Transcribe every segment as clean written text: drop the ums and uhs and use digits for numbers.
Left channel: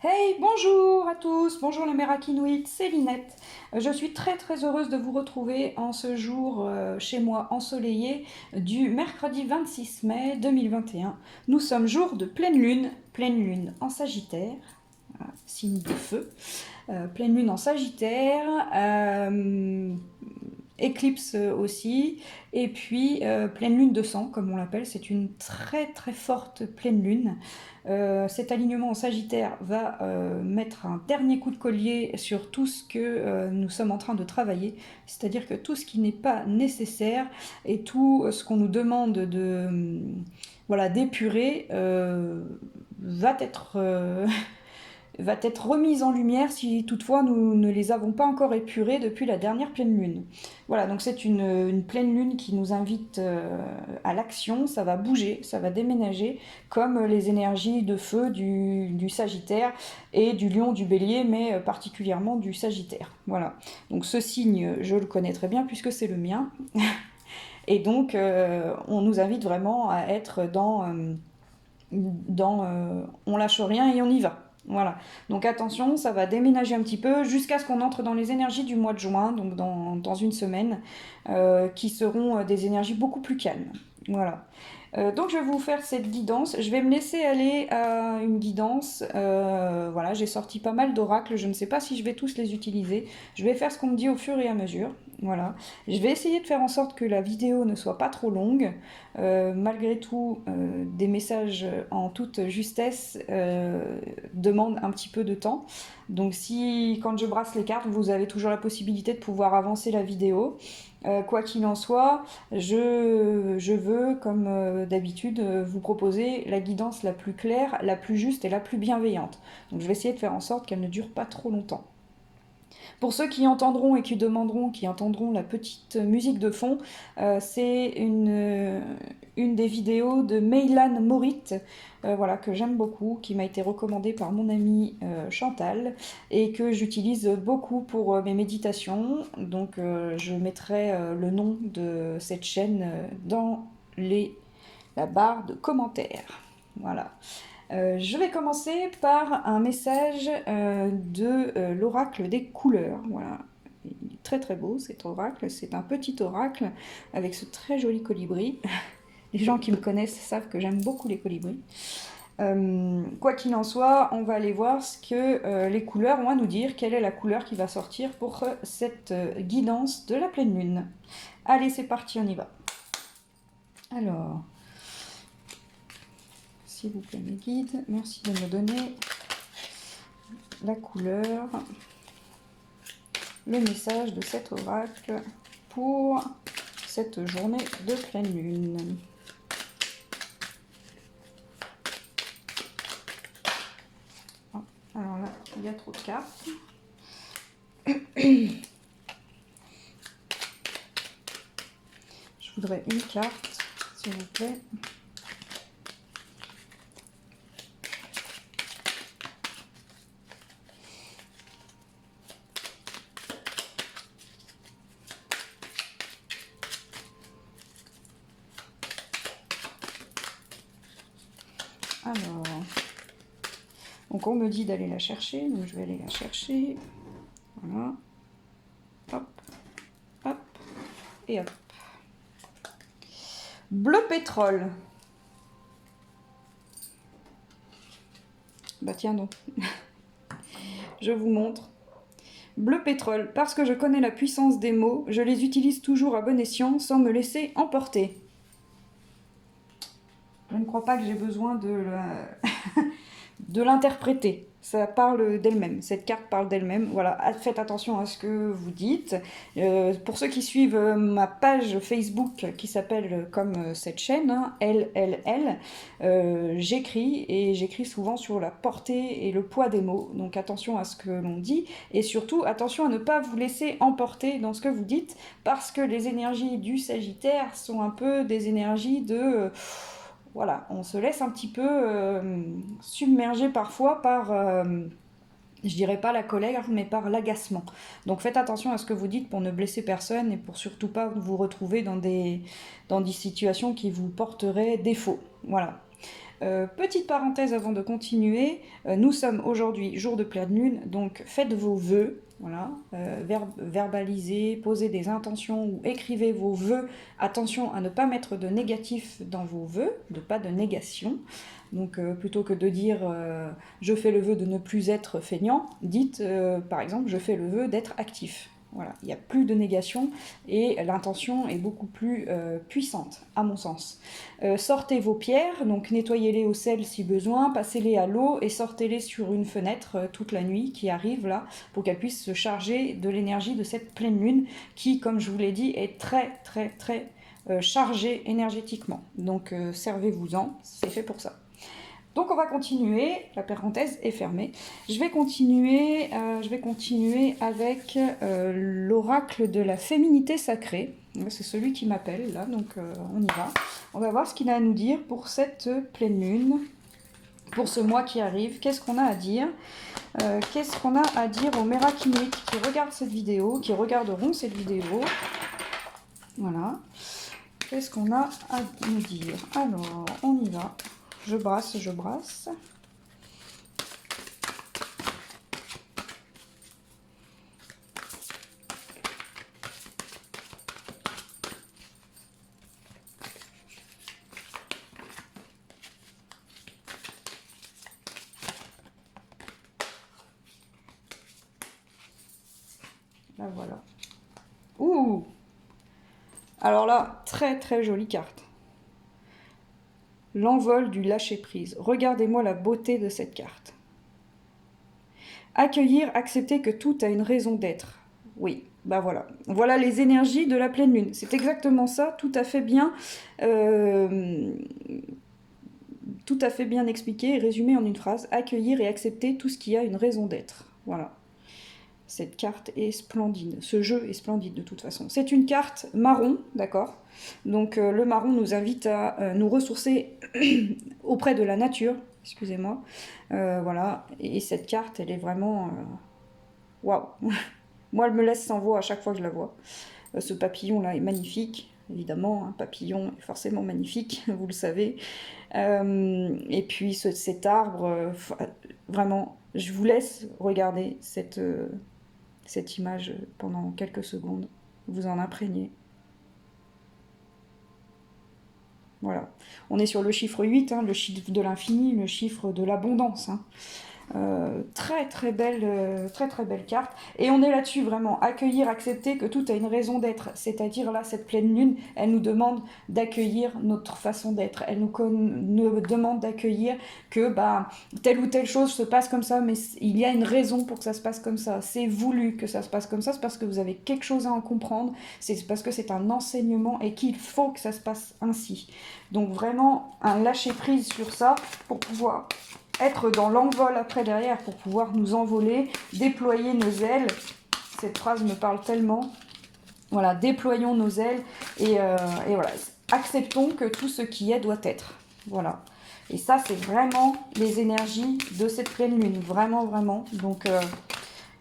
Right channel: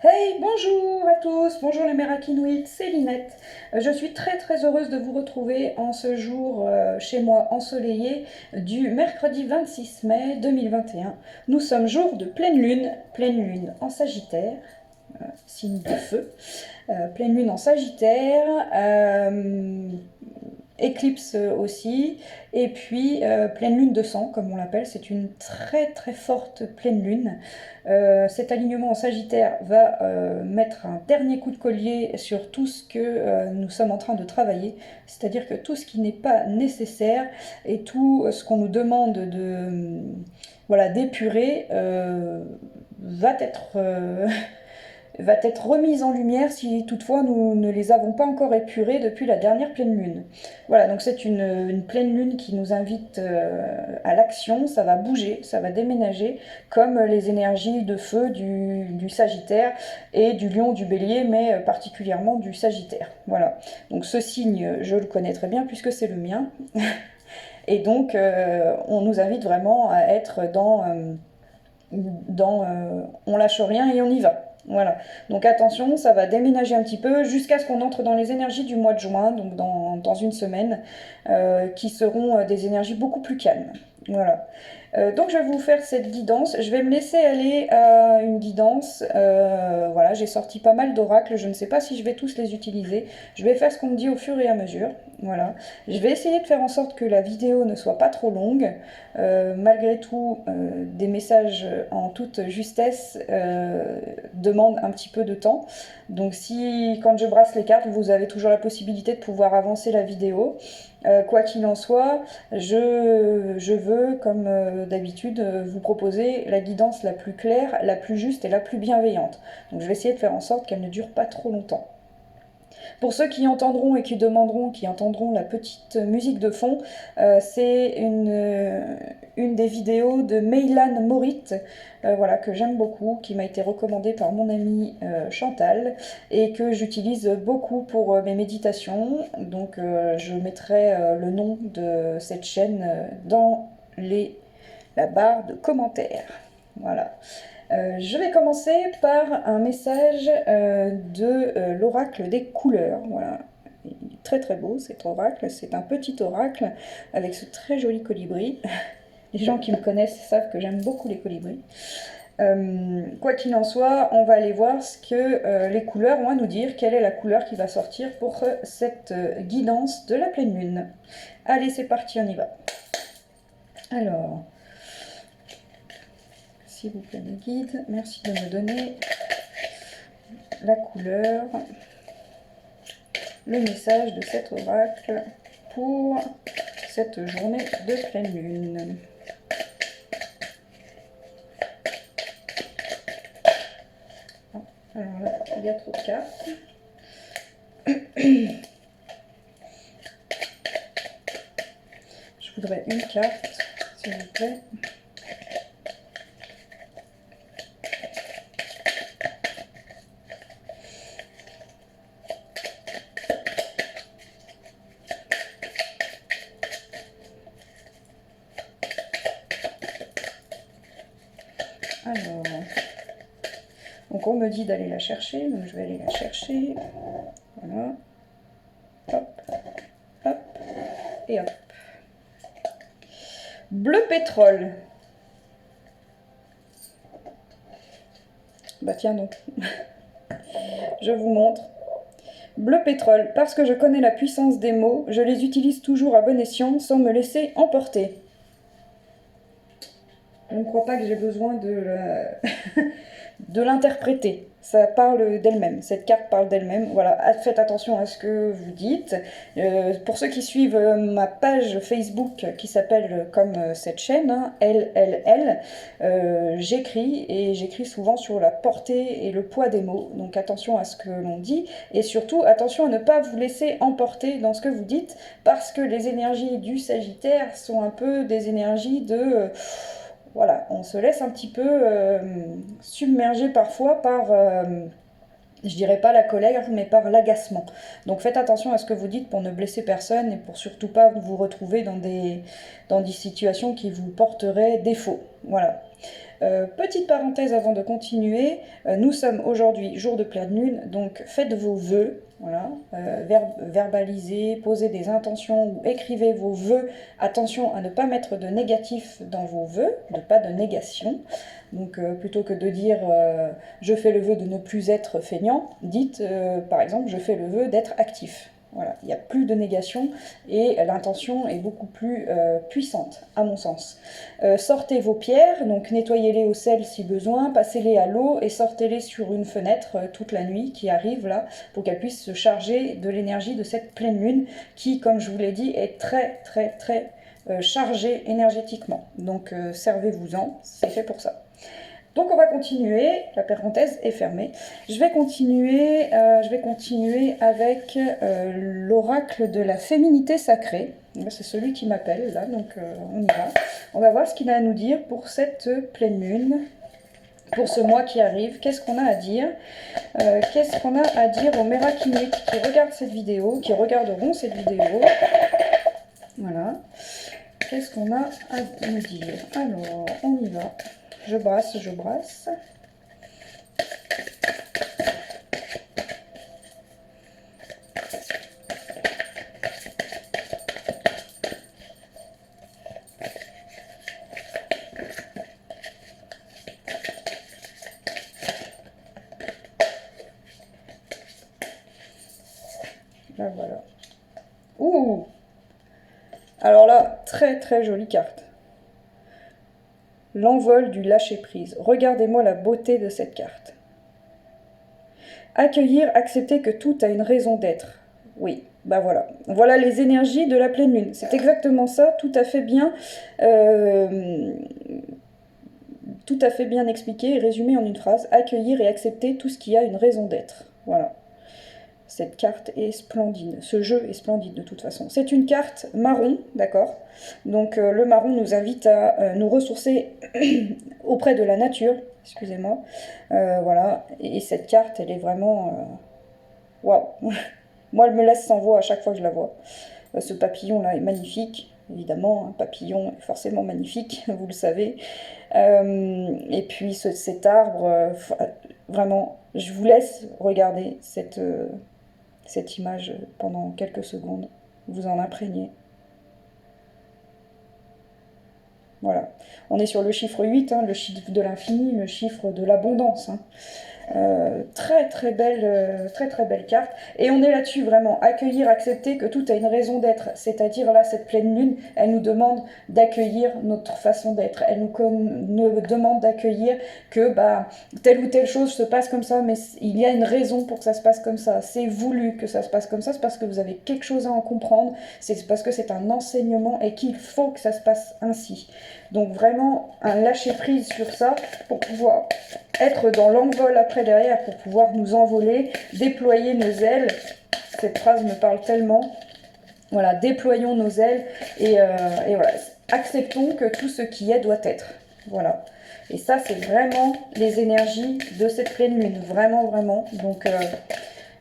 Hey, bonjour à tous, bonjour les Mérakinoïdes, c'est Linette. Je suis très heureuse de vous retrouver en ce jour chez moi ensoleillé du mercredi 26 mai 2021. Nous sommes jour de pleine lune en Sagittaire, signe de feu, pleine lune en Sagittaire, éclipse aussi, et puis pleine lune de sang, comme on l'appelle, c'est une très forte pleine lune. Cet alignement en Sagittaire va mettre un dernier coup de collier sur tout ce que nous sommes en train de travailler, c'est-à-dire que tout ce qui n'est pas nécessaire et tout ce qu'on nous demande de voilà, d'épurer va être remise en lumière si toutefois nous ne les avons pas encore épurés depuis la dernière pleine lune. Voilà, donc c'est une pleine lune qui nous invite à l'action, ça va bouger, ça va déménager, comme les énergies de feu du Sagittaire et du Lion, du Bélier, mais particulièrement du Sagittaire. Voilà, donc ce signe, je le connais très bien puisque c'est le mien. Et donc, on nous invite vraiment à être on lâche rien et on y va. Voilà. Donc attention, ça va déménager un petit peu jusqu'à ce qu'on entre dans les énergies du mois de juin, donc dans une semaine, qui seront des énergies beaucoup plus calmes. Voilà. Donc je vais vous faire cette guidance. Je vais me laisser aller à une guidance. Voilà, j'ai sorti pas mal d'oracles. Je ne sais pas si je vais tous les utiliser. Je vais faire ce qu'on me dit au fur et à mesure. Voilà. Je vais essayer de faire en sorte que la vidéo ne soit pas trop longue. Malgré tout, des messages en toute justesse demandent un petit peu de temps. Donc si, quand je brasse les cartes, vous avez toujours la possibilité de pouvoir avancer la vidéo. Quoi qu'il en soit, je veux, comme d'habitude, vous proposer la guidance la plus claire, la plus juste et la plus bienveillante. Donc je vais essayer de faire en sorte qu'elle ne dure pas trop longtemps. Pour ceux qui entendront et qui entendront la petite musique de fond, c'est une des vidéos de Meylan Morit, voilà, que j'aime beaucoup, qui m'a été recommandée par mon amie Chantal et que j'utilise beaucoup pour mes méditations. Donc je mettrai le nom de cette chaîne dans la barre de commentaires. Voilà. Je vais commencer par un message de l'oracle des couleurs. Voilà. Il est très beau cet oracle. C'est un petit oracle avec ce très joli colibri. Les gens qui me connaissent savent que j'aime beaucoup les colibris. Quoi qu'il en soit, on va aller voir ce que les couleurs vont nous dire, quelle est la couleur qui va sortir pour cette guidance de la pleine lune. Allez, c'est parti, on y va. Alors, s'il vous plaît, mes guides, merci de me donner la couleur, le message de cet oracle pour cette journée de pleine lune. Alors là, il y a trop de cartes. Je voudrais une carte, s'il vous plaît. Alors, donc on me dit d'aller la chercher, donc je vais aller la chercher. Voilà. Hop, hop, et hop. Bleu pétrole. Bah tiens non. Je vous montre. Bleu pétrole, parce que je connais la puissance des mots, je les utilise toujours à bon escient sans me laisser emporter. Je ne crois pas que j'ai besoin de l'interpréter. Ça parle d'elle-même, cette carte parle d'elle-même. Voilà, faites attention à ce que vous dites. Pour ceux qui suivent ma page Facebook qui s'appelle comme cette chaîne, hein, LLL, j'écris souvent sur la portée et le poids des mots. Donc attention à ce que l'on dit et surtout attention à ne pas vous laisser emporter dans ce que vous dites parce que les énergies du Sagittaire sont un peu des énergies de... voilà, on se laisse un petit peu submerger parfois par, je dirais pas la colère, mais par l'agacement. Donc faites attention à ce que vous dites pour ne blesser personne et pour surtout pas vous retrouver dans des situations qui vous porteraient défaut. Voilà. Petite parenthèse avant de continuer, nous sommes aujourd'hui jour de pleine lune, donc faites vos vœux, voilà, verbalisez, posez des intentions ou écrivez vos vœux. Attention à ne pas mettre de négatif dans vos vœux, pas de négation. Donc plutôt que de dire je fais le vœu de ne plus être feignant, dites par exemple je fais le vœu d'être actif. Voilà, il n'y a plus de négation et l'intention est beaucoup plus puissante, à mon sens. Sortez vos pierres, donc nettoyez-les au sel si besoin, passez-les à l'eau et sortez-les sur une fenêtre toute la nuit qui arrive là, pour qu'elles puissent se charger de l'énergie de cette pleine lune qui, comme je vous l'ai dit, est très chargée énergétiquement. Donc servez-vous-en, c'est fait pour ça. Donc on va continuer, la parenthèse est fermée. Je vais continuer avec l'oracle de la féminité sacrée. C'est celui qui m'appelle là, donc on y va. On va voir ce qu'il a à nous dire pour cette pleine lune, pour ce mois qui arrive. Qu'est-ce qu'on a à dire Qu'est-ce qu'on a à dire aux Mérakiniques qui regardent cette vidéo, qui regarderont cette vidéo. Voilà. Qu'est-ce qu'on a à nous dire? Alors, on y va. Je brasse. Là, voilà. Ouh! Alors là, très jolie carte. L'envol du lâcher-prise. Regardez-moi la beauté de cette carte. Accueillir, accepter que tout a une raison d'être. Oui, bah voilà. Voilà les énergies de la pleine lune. C'est exactement ça, tout à fait bien expliqué et résumé en une phrase. Accueillir et accepter tout ce qui a une raison d'être. Voilà. Cette carte est splendide. Ce jeu est splendide de toute façon. C'est une carte marron, d'accord? Donc le marron nous invite à nous ressourcer auprès de la nature. Excusez-moi. Voilà. Et cette carte, elle est vraiment... Waouh! Moi, elle me laisse sans voix à chaque fois que je la vois. Ce papillon-là est magnifique. Évidemment, un papillon est forcément magnifique, vous le savez. Et puis cet arbre, vraiment, je vous laisse regarder cette image pendant quelques secondes, vous en imprégnez. Voilà. On est sur le chiffre 8, hein, le chiffre de l'infini, le chiffre de l'abondance. Hein. Très belle carte. Et on est là-dessus vraiment, accueillir, accepter que tout a une raison d'être. C'est-à-dire là, cette pleine lune, elle nous demande d'accueillir notre façon d'être. Elle nous demande d'accueillir que telle ou telle chose se passe comme ça, mais il y a une raison pour que ça se passe comme ça. C'est voulu que ça se passe comme ça, c'est parce que vous avez quelque chose à en comprendre, c'est parce que c'est un enseignement et qu'il faut que ça se passe ainsi. Donc vraiment, un lâcher-prise sur ça pour pouvoir être dans l'envol après derrière, pour pouvoir nous envoler, déployer nos ailes. Cette phrase me parle tellement. Voilà, déployons nos ailes et voilà, acceptons que tout ce qui est doit être. Voilà. Et ça, c'est vraiment les énergies de cette pleine lune. Vraiment. Donc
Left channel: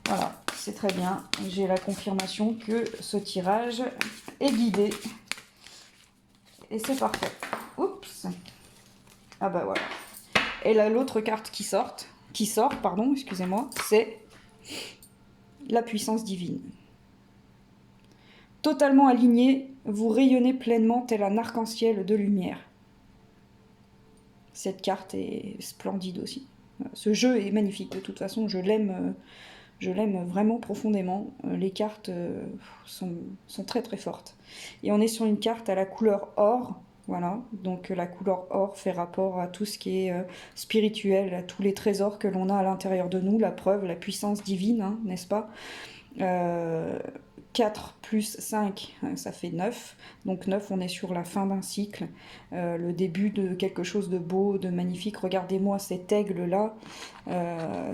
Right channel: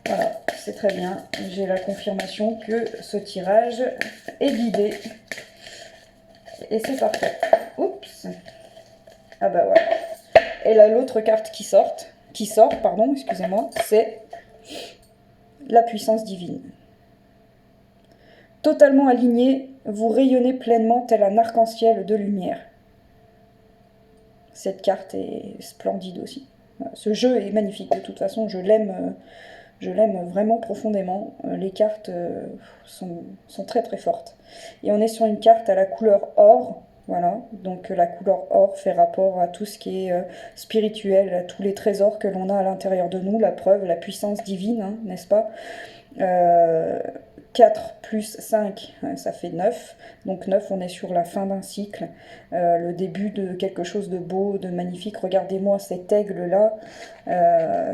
voilà, c'est très bien. J'ai la confirmation que ce tirage est guidé. Et c'est parfait. Oups. Ah bah voilà. Et là, l'autre carte qui sort, excusez-moi, c'est la puissance divine. Totalement aligné, vous rayonnez pleinement tel un arc-en-ciel de lumière. Cette carte est splendide aussi. Ce jeu est magnifique, de toute façon, je l'aime vraiment profondément. Les cartes sont très fortes. Et on est sur une carte à la couleur or. Voilà, donc la couleur or fait rapport à tout ce qui est spirituel, à tous les trésors que l'on a à l'intérieur de nous, la preuve, la puissance divine, hein, n'est-ce pas? 4 plus 5, ça fait 9. Donc 9, on est sur la fin d'un cycle, le début de quelque chose de beau, de magnifique. Regardez-moi cet aigle-là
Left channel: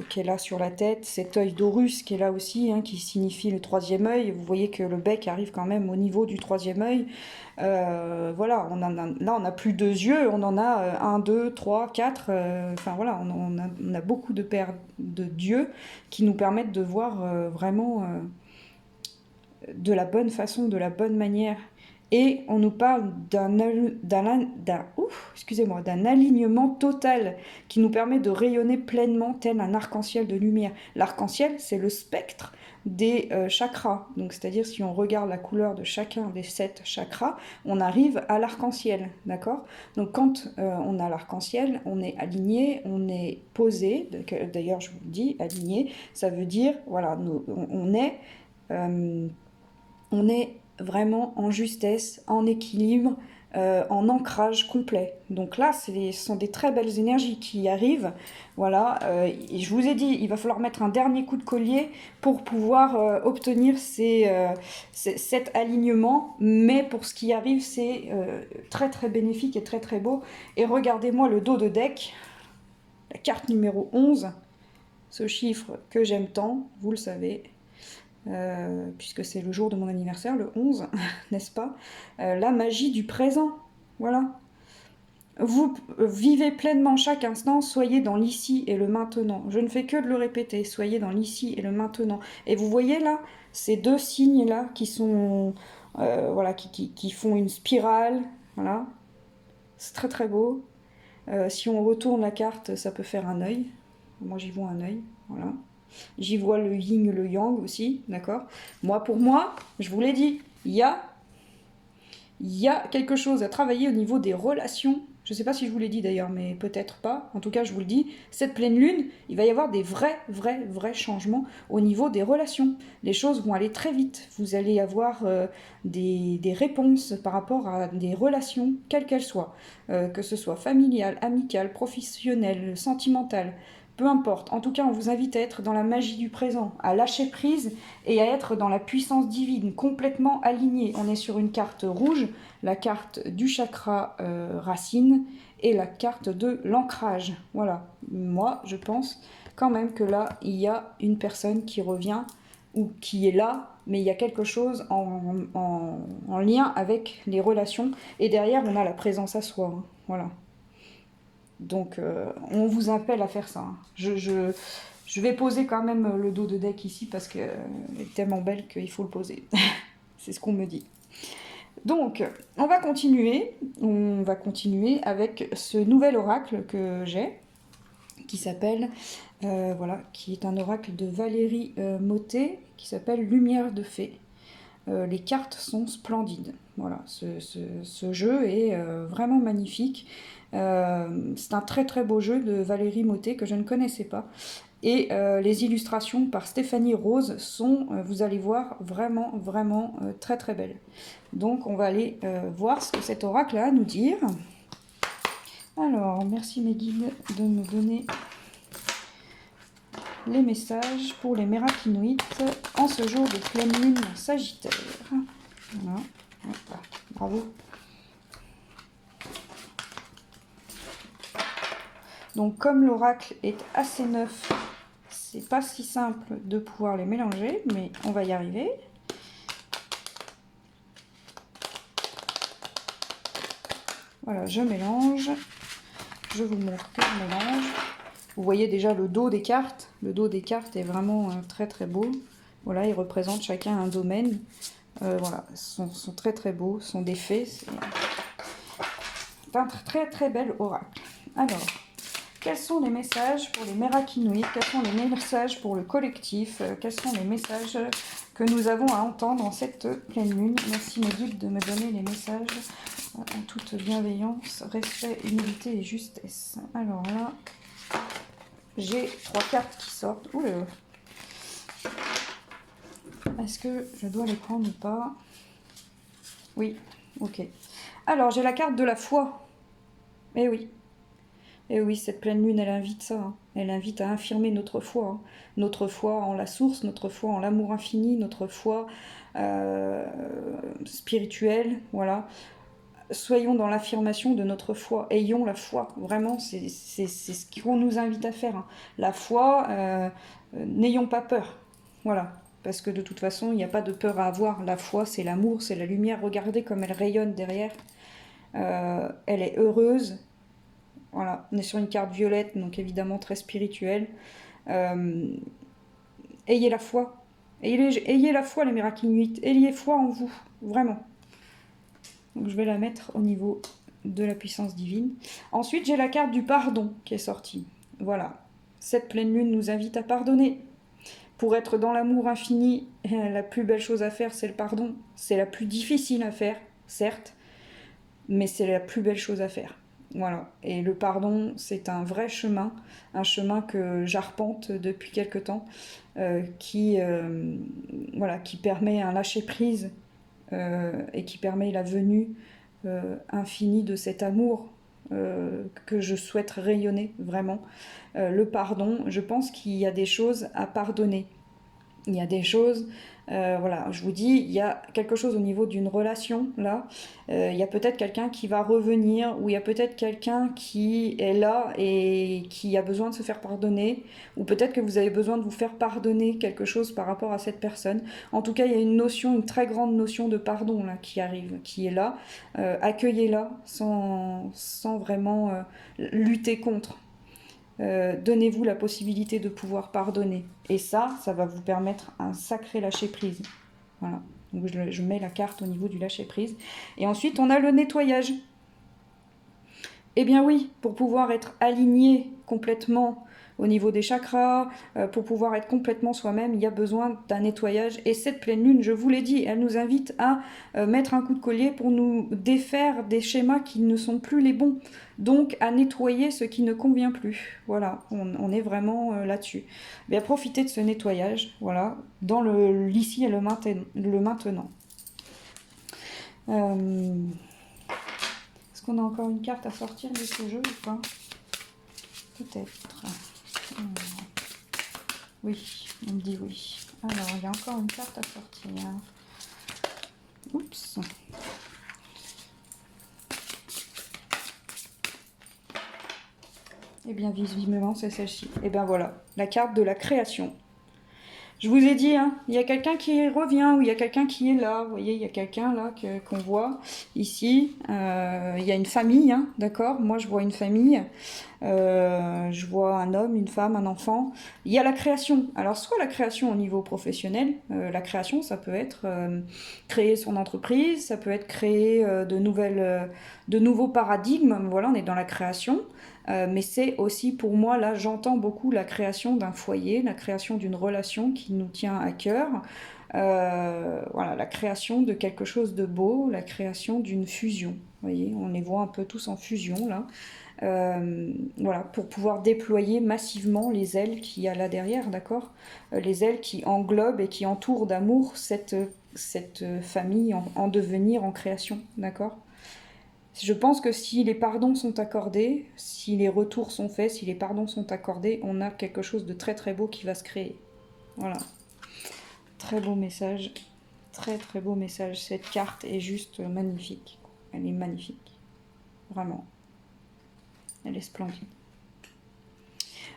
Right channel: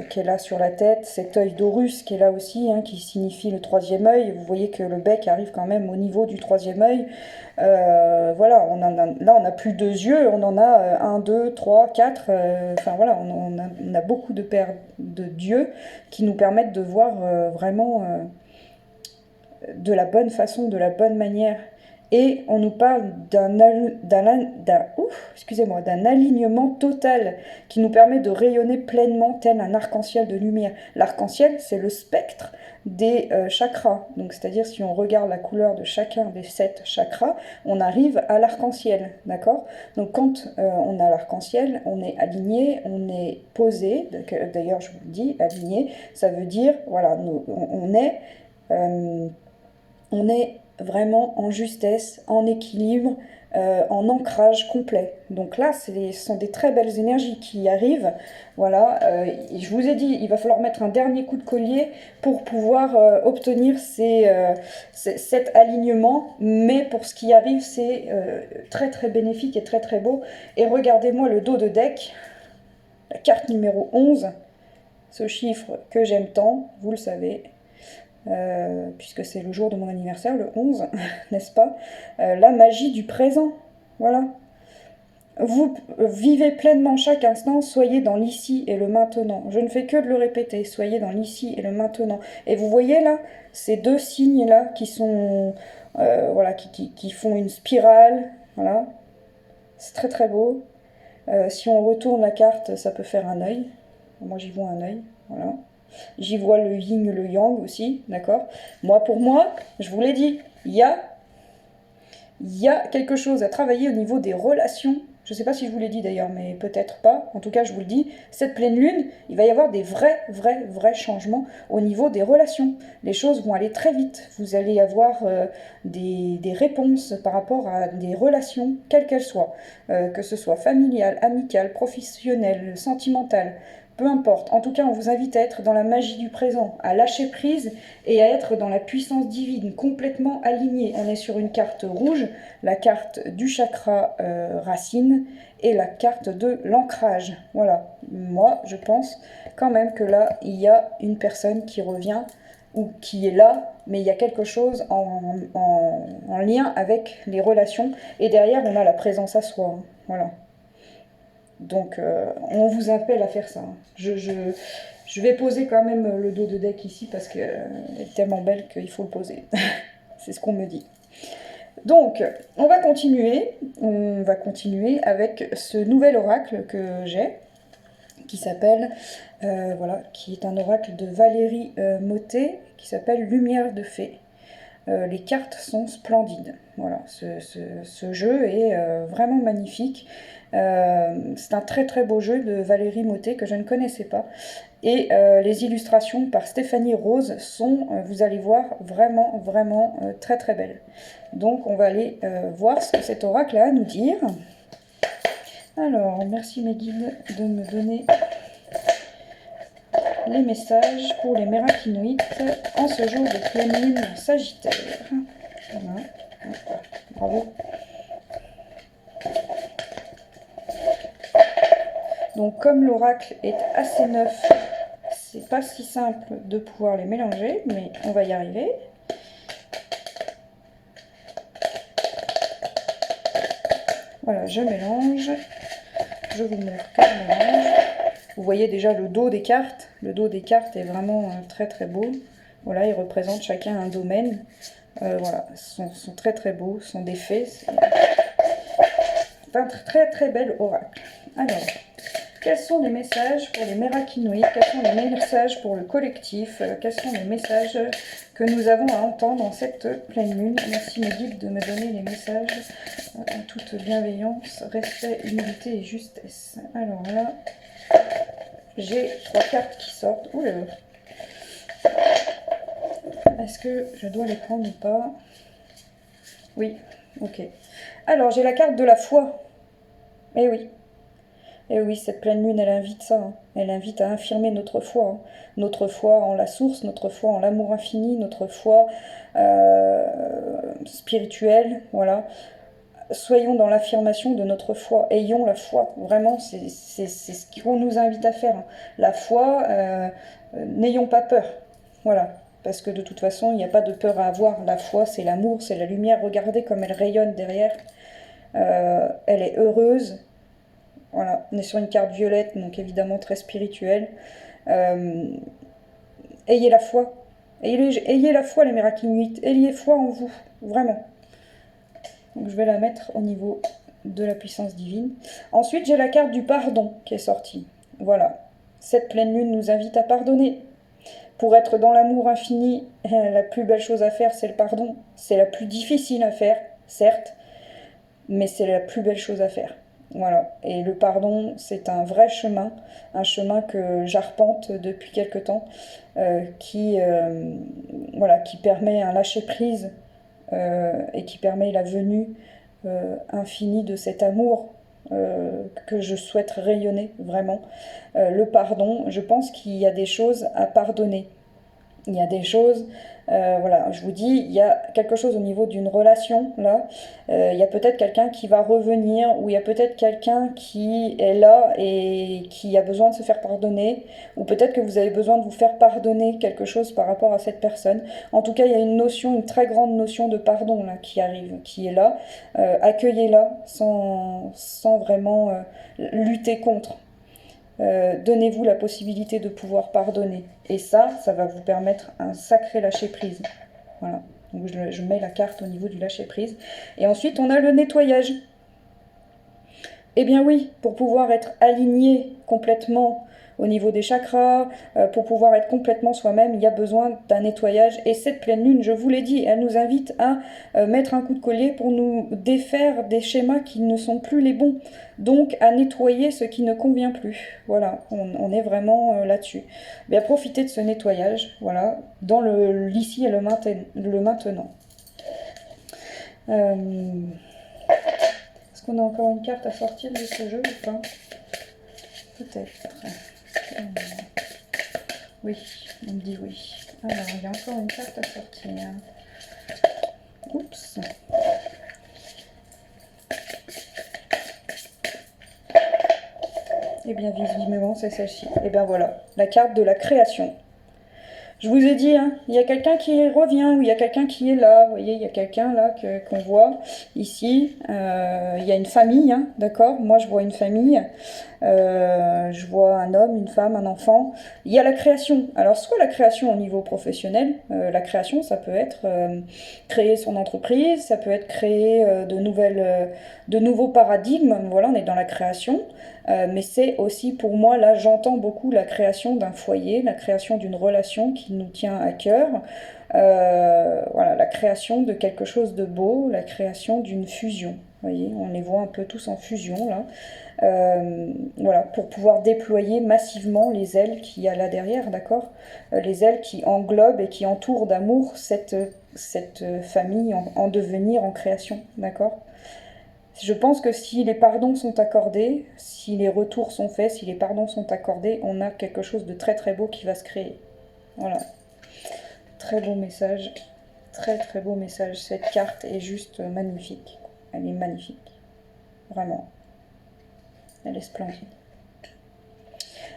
qu'elle a sur la tête, cet œil d'Horus qui est là aussi, hein, qui signifie le troisième œil. Vous voyez que le bec arrive quand même au niveau du troisième œil. Voilà, là on n'a plus 2 yeux, on en a 1, 2, 3, 4. Enfin voilà, on a beaucoup de paires de dieux qui nous permettent de voir vraiment de la bonne façon, de la bonne manière. Et on nous parle d'un alignement total qui nous permet de rayonner pleinement tel un arc-en-ciel de lumière. L'arc-en-ciel, c'est le spectre des chakras. Donc, c'est-à-dire, si on regarde la couleur de chacun des 7 chakras, on arrive à l'arc-en-ciel, d'accord? Donc, quand on a l'arc-en-ciel, on est aligné, on est posé. D'ailleurs, je vous le dis, aligné, ça veut dire, voilà, on est vraiment en justesse, en équilibre, en ancrage complet. Donc là, ce sont des très belles énergies qui arrivent. Voilà, et je vous ai dit, il va falloir mettre un dernier coup de collier pour pouvoir obtenir cet alignement. Mais pour ce qui arrive, c'est très très bénéfique et très très beau. Et regardez-moi le dos de deck, la carte numéro 11, ce chiffre que j'aime tant, vous le savez. Puisque c'est le jour de mon anniversaire, le 11, n'est-ce pas? La magie du présent, voilà. Vous vivez pleinement chaque instant, soyez dans l'ici et le maintenant. Je ne fais que de le répéter, soyez dans l'ici et le maintenant. Et vous voyez là, ces deux signes-là qui sont, voilà, qui font une spirale, voilà. C'est très très beau. Si on retourne la carte, ça peut faire un œil. Moi j'y vois un œil, voilà. J'y vois le yin, le yang aussi, d'accord? Pour moi, je vous l'ai dit, il y a quelque chose à travailler au niveau des relations. Je ne sais pas si je vous l'ai dit d'ailleurs, mais peut-être pas. En tout cas, je vous le dis, cette pleine lune, il va y avoir des vrais changements au niveau des relations. Les choses vont aller très vite. Vous allez avoir des réponses par rapport à des relations, quelles qu'elles soient. Que ce soit familiale, amicale, professionnelle, sentimentale. Peu importe. En tout cas, on vous invite à être dans la magie du présent, à lâcher prise et à être dans la puissance divine, complètement aligné. On est sur une carte rouge, la carte du chakra racine et la carte de l'ancrage. Voilà. Moi, je pense quand même que là, il y a une personne qui revient ou qui est là, mais il y a quelque chose en lien avec les relations. Et derrière, on a la présence à soi. Hein. Voilà. Donc, on vous appelle à faire ça. Hein. Je vais poser quand même le dos de deck ici parce qu'elle est tellement belle qu'il faut le poser. C'est ce qu'on me dit. Donc, on va continuer. On va continuer avec ce nouvel oracle que j'ai, qui s'appelle, voilà, qui est un oracle de Valérie Mottet, qui s'appelle Lumière de Fée. Les cartes sont splendides. Voilà, ce jeu est vraiment magnifique. C'est un très très beau jeu de Valérie Mottet que je ne connaissais pas. Et les illustrations par Stéphanie Rose sont, vous allez voir, vraiment très très belles. Donc on va aller voir ce que cet oracle a à nous dire. Alors, merci mes guides de me donner les messages pour les mérakinoïdes en ce jour de pleine lune Sagittaire. Voilà. Bravo. Donc comme l'oracle est assez neuf, c'est pas si simple de pouvoir les mélanger, mais on va y arriver. Voilà, je mélange. Je vous montre que je mélange. Vous voyez déjà le dos des cartes. Le dos des cartes est vraiment très très beau. Voilà, ils représentent chacun un domaine. Voilà, sont très très beaux, sont des fées. C'est un très très bel oracle. Alors, quels sont les messages pour les mérakinoïdes? Quels sont les messages pour le collectif? Quels sont les messages que nous avons à entendre en cette pleine lune? Merci mes guides de me donner les messages en toute bienveillance, respect, humilité et justesse. Alors là, j'ai 3 cartes qui sortent. Ouh là là. Est-ce que je dois les prendre ou pas? Oui, ok. Alors, j'ai la carte de la foi. Eh oui. Et oui, cette pleine lune, elle invite ça. Hein. Elle invite à affirmer notre foi. Hein. Notre foi en la source, notre foi en l'amour infini, notre foi spirituelle. Voilà. Soyons dans l'affirmation de notre foi. Ayons la foi. Vraiment, c'est ce qu'on nous invite à faire. Hein. La foi, n'ayons pas peur. Voilà. Parce que de toute façon, il n'y a pas de peur à avoir. La foi, c'est l'amour, c'est la lumière. Regardez comme elle rayonne derrière. Elle est heureuse. Voilà, on est sur une carte violette, donc évidemment très spirituelle. Ayez la foi. Ayez la foi, les mérakinoïdes. Ayez foi en vous, vraiment. Donc je vais la mettre au niveau de la puissance divine. Ensuite, j'ai la carte du pardon qui est sortie. Voilà. Cette pleine lune nous invite à pardonner. Pour être dans l'amour infini, la plus belle chose à faire, c'est le pardon. C'est la plus difficile à faire, certes, mais c'est la plus belle chose à faire. Voilà. Et le pardon, c'est un vrai chemin, un chemin que j'arpente depuis quelque temps, voilà, qui permet un lâcher-prise et qui permet la venue infinie de cet amour que je souhaite rayonner vraiment. Le pardon, je pense qu'il y a des choses à pardonner. Il y a des choses, voilà, je vous dis, il y a quelque chose au niveau d'une relation, là. Il y a peut-être quelqu'un qui va revenir, ou il y a peut-être quelqu'un qui est là et qui a besoin de se faire pardonner, ou peut-être que vous avez besoin de vous faire pardonner quelque chose par rapport à cette personne. En tout cas, il y a une notion, une très grande notion de pardon, là, qui arrive, qui est là. Accueillez-la sans vraiment lutter contre. Donnez-vous la possibilité de pouvoir pardonner. Et ça va vous permettre un sacré lâcher-prise. Voilà. Donc je mets la carte au niveau du lâcher-prise. Et ensuite, on a le nettoyage. Eh bien oui, pour pouvoir être aligné complètement au niveau des chakras, pour pouvoir être complètement soi-même, il y a besoin d'un nettoyage. Et cette pleine lune, je vous l'ai dit, elle nous invite à mettre un coup de collier pour nous défaire des schémas qui ne sont plus les bons. Donc à nettoyer ce qui ne convient plus. Voilà, on est vraiment là-dessus. Bien, profitez de ce nettoyage, voilà, dans l'ici et le maintenant. Est-ce qu'on a encore une carte à sortir de ce jeu ou pas? Peut-être. Oui, on me dit oui. Alors, il y a encore une carte à sortir. Oups. Eh bien, visiblement, c'est celle-ci. Et bien voilà, la carte de la création. Je vous ai dit, hein, il y a quelqu'un qui revient, ou il y a quelqu'un qui est là. Vous voyez, il y a quelqu'un là qu'on voit ici. Il y a une famille, hein, d'accord? Moi, je vois une famille. Je vois un homme, une femme, un enfant. Il y a la création. Alors, soit la création au niveau professionnel. La création, ça peut être créer son entreprise, ça peut être créer de nouveaux paradigmes. Voilà, on est dans la création. Mais c'est aussi pour moi, là j'entends beaucoup la création d'un foyer, la création d'une relation qui nous tient à cœur, voilà, la création de quelque chose de beau, la création d'une fusion. Vous voyez, on les voit un peu tous en fusion là. Voilà, pour pouvoir déployer massivement les ailes qu'il y a là derrière, d'accord? Les ailes qui englobent et qui entourent d'amour cette famille en devenir, en création, d'accord? Je pense que si les pardons sont accordés, si les retours sont faits, si les pardons sont accordés, on a quelque chose de très très beau qui va se créer. Voilà. Très beau message. Très très beau message. Cette carte est juste magnifique. Elle est magnifique. Vraiment. Elle est splendide.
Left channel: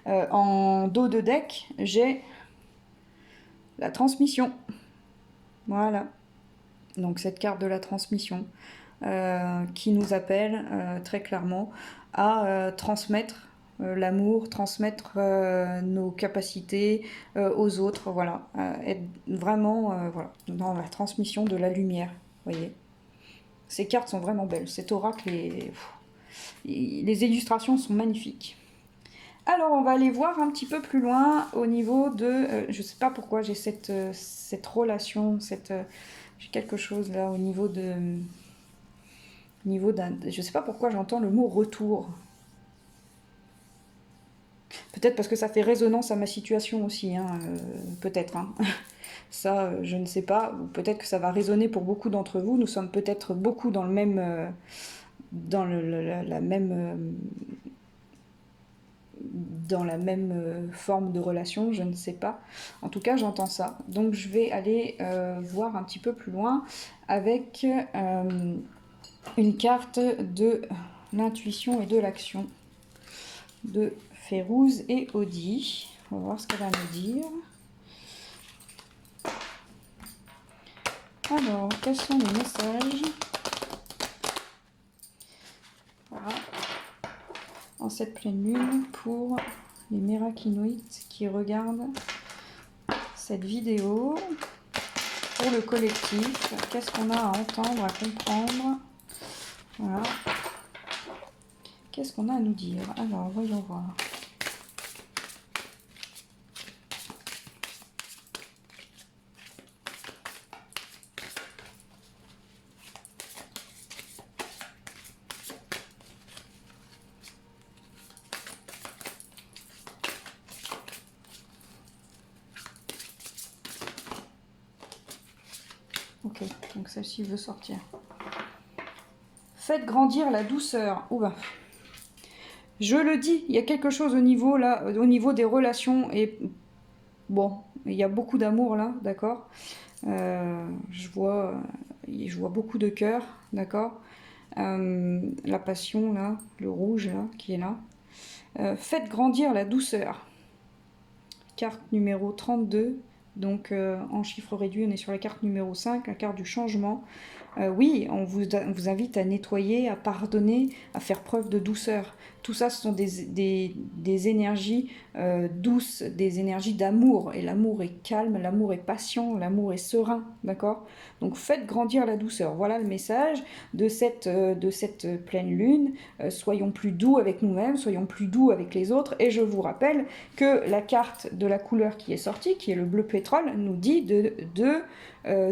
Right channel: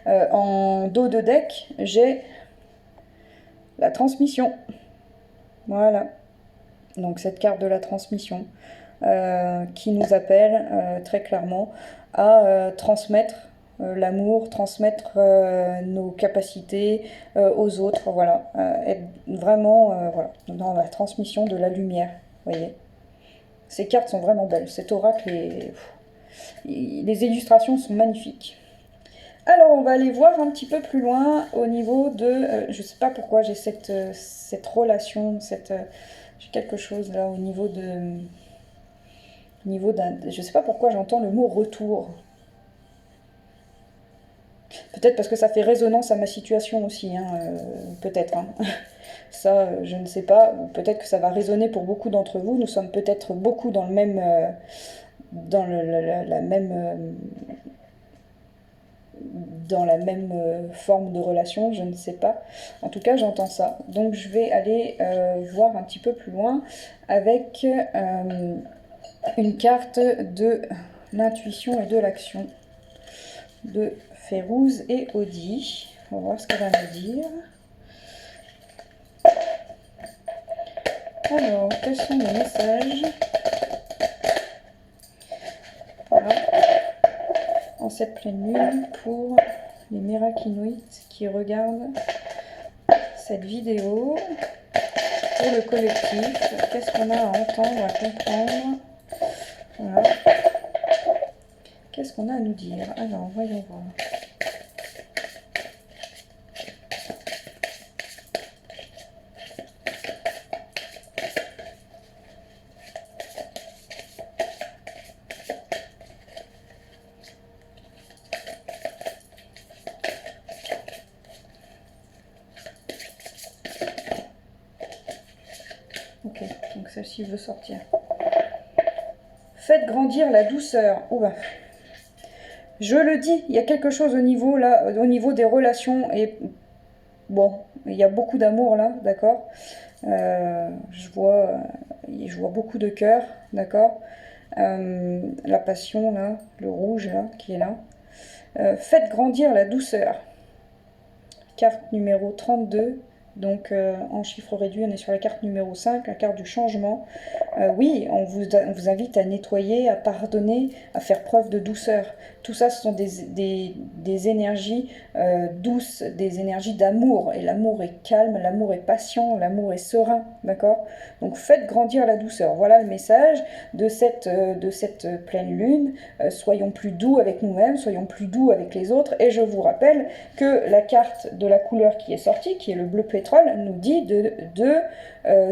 En dos de deck, j'ai la transmission. Voilà. Donc cette carte de la transmission. Qui nous appelle très clairement à transmettre l'amour, transmettre nos capacités aux autres, voilà, être vraiment voilà, dans la transmission de la lumière, vous voyez. Ces cartes sont vraiment belles, cet oracle, les illustrations sont magnifiques. Alors on va aller voir un petit peu plus loin au niveau de, je sais pas pourquoi j'ai cette relation, j'ai quelque chose là au niveau d'un... Je sais pas pourquoi j'entends le mot retour. Peut-être parce que ça fait résonance à ma situation aussi, hein, peut-être. Hein. Ça, je ne sais pas. Peut-être que ça va résonner pour beaucoup d'entre vous. Nous sommes peut-être beaucoup dans le même, dans la même forme de relation, je ne sais pas. En tout cas, j'entends ça. Donc, je vais aller voir un petit peu plus loin avec une carte de l'intuition et de l'action de Férouz et Audi. On va voir ce qu'elle va nous dire. Alors, quels sont les messages voilà. En cette pleine lune pour les Mirakinoïtes qui regardent cette vidéo et le collectif? Qu'est-ce qu'on a à entendre, à comprendre Voilà. Qu'est-ce qu'on a à nous dire? Alors, voyons voir. Ok, donc celle-ci veut sortir. Faites grandir la douceur. Oula. Je le dis, il y a quelque chose au niveau là, au niveau des relations et bon, il y a beaucoup d'amour là, d'accord. Je vois beaucoup de cœur, d'accord. La passion là, le rouge là, qui est là. Faites grandir la douceur. Carte numéro 32. Donc en chiffre réduit, on est sur la carte numéro 5, la carte du changement. Oui, on vous invite à nettoyer, à pardonner, à faire preuve de douceur. Tout ça, ce sont des énergies douces, des énergies d'amour. Et l'amour est calme, l'amour est patient, l'amour est serein, d'accord? Donc faites grandir la douceur. Voilà le message de cette pleine lune. Soyons plus doux avec nous-mêmes, soyons plus doux avec les autres. Et je vous rappelle que la carte de la couleur qui est sortie, qui est le bleu pétrole, nous dit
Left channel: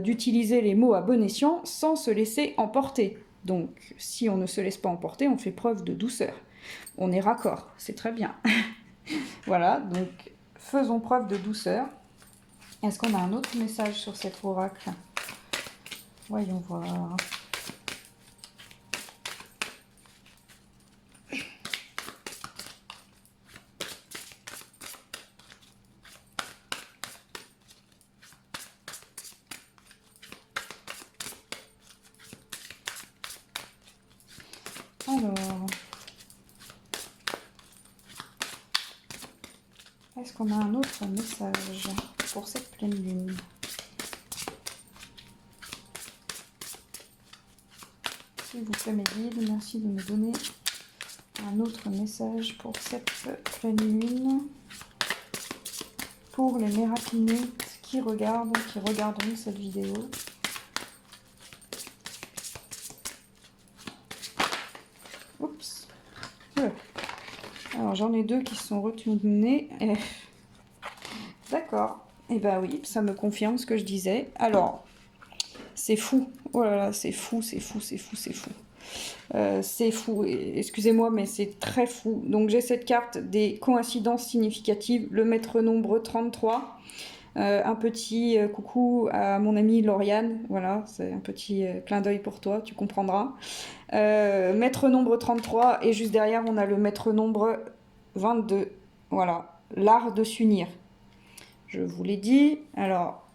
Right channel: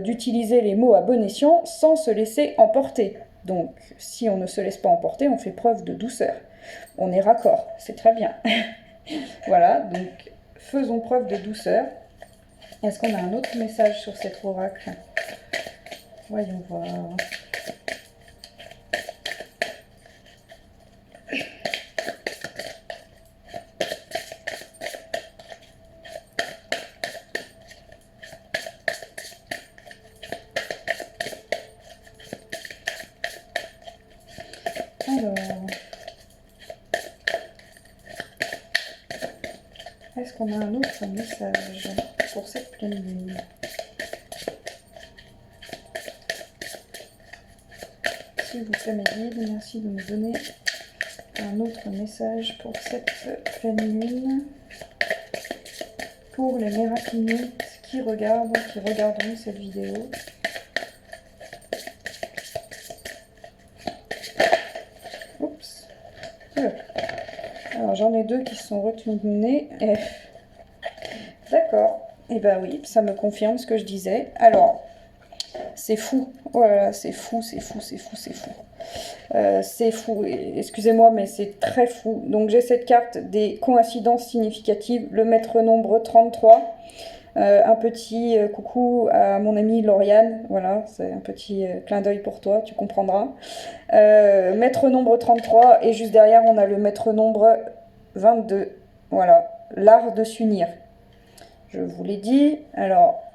d'utiliser les mots à bon escient sans se laisser emporter. Donc, si on ne se laisse pas emporter, on fait preuve de douceur. On est raccord, c'est très bien. Voilà, donc faisons preuve de douceur. Est-ce qu'on a un autre message sur cet oracle? Voyons voir. Alors, est-ce qu'on a un autre message pour cette pleine lune? S'il vous plaît, mes guides, merci de me donner un autre message pour cette pleine lune. Pour les mérapinites qui regarderont cette vidéo. Oups. Alors j'en ai deux qui se sont retournés. D'accord. Et ben oui, ça me confirme ce que je disais. Alors, c'est fou. Oh là là, c'est fou, c'est fou, c'est fou, c'est fou. C'est fou, excusez-moi, mais c'est très fou. Donc j'ai cette carte des coïncidences significatives, le maître nombre 33. Un petit coucou à mon amie Lauriane, voilà, c'est un petit clin d'œil pour toi, tu comprendras. Maître nombre 33, et juste derrière on a le maître nombre 22, voilà, l'art de s'unir. Je vous l'ai dit, alors...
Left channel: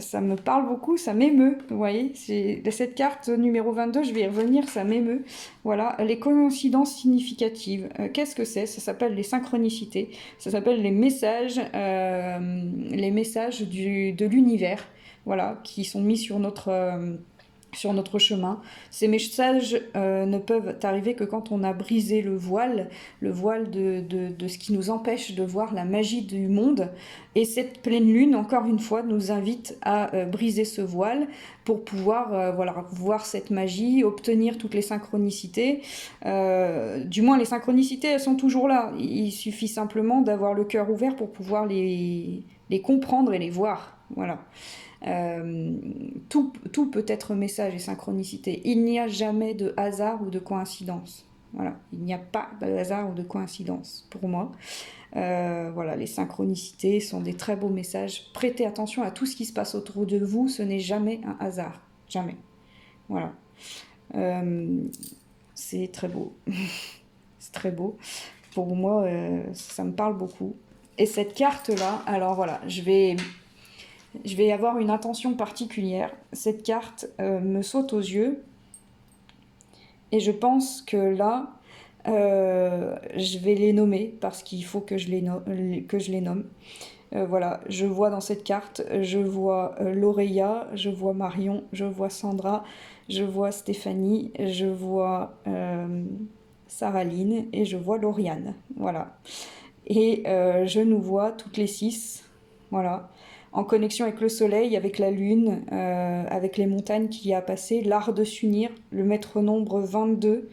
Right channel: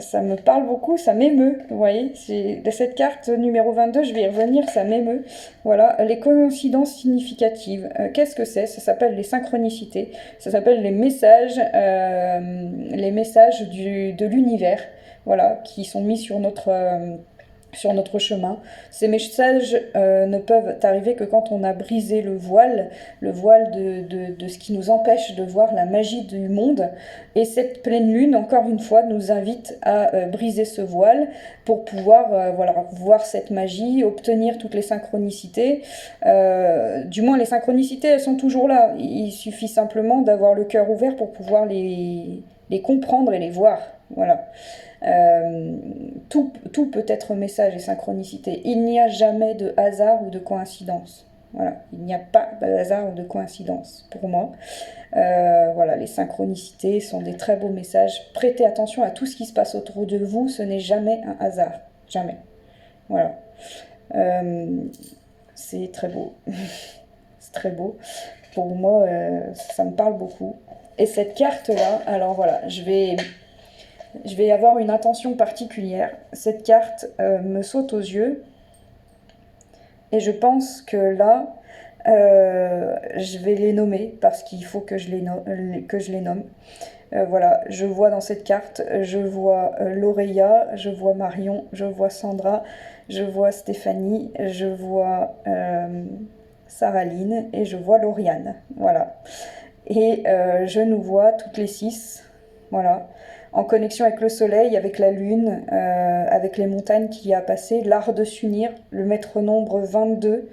ça me parle beaucoup, ça m'émeut, vous voyez, cette carte numéro 22, je vais y revenir, ça m'émeut. Voilà, les coïncidences significatives, qu'est-ce que c'est? Ça s'appelle les synchronicités, ça s'appelle les messages de l'univers, voilà, qui sont mis sur notre chemin. Ces messages ne peuvent arriver que quand on a brisé le voile de ce qui nous empêche de voir la magie du monde. Et cette pleine lune, encore une fois, nous invite à briser ce voile pour pouvoir voilà, voir cette magie, obtenir toutes les synchronicités. Du moins, les synchronicités, elles sont toujours là. Il suffit simplement d'avoir le cœur ouvert pour pouvoir les comprendre et les voir. Voilà. Tout peut être message et synchronicité. Il n'y a jamais de hasard ou de coïncidence. Voilà, il n'y a pas de hasard ou de coïncidence pour moi. Voilà, les synchronicités sont des très beaux messages. Prêtez attention à tout ce qui se passe autour de vous, ce n'est jamais un hasard. Jamais. Voilà. C'est très beau. C'est très beau. Pour moi, ça me parle beaucoup. Et cette carte-là, alors voilà, je vais avoir une intention particulière. Cette carte me saute aux yeux. Et je pense que là, je vais les nommer parce qu'il faut que je les nomme. Voilà, je vois dans cette carte, je vois Laureya, je vois Marion, je vois je vois Stéphanie, je vois Saraline et je vois Lauriane. Voilà. Et je nous vois toutes les 6. Voilà. en connexion avec le soleil, avec la lune, avec les montagnes qu'il y a à passer, l'art de s'unir, le maître nombre 22.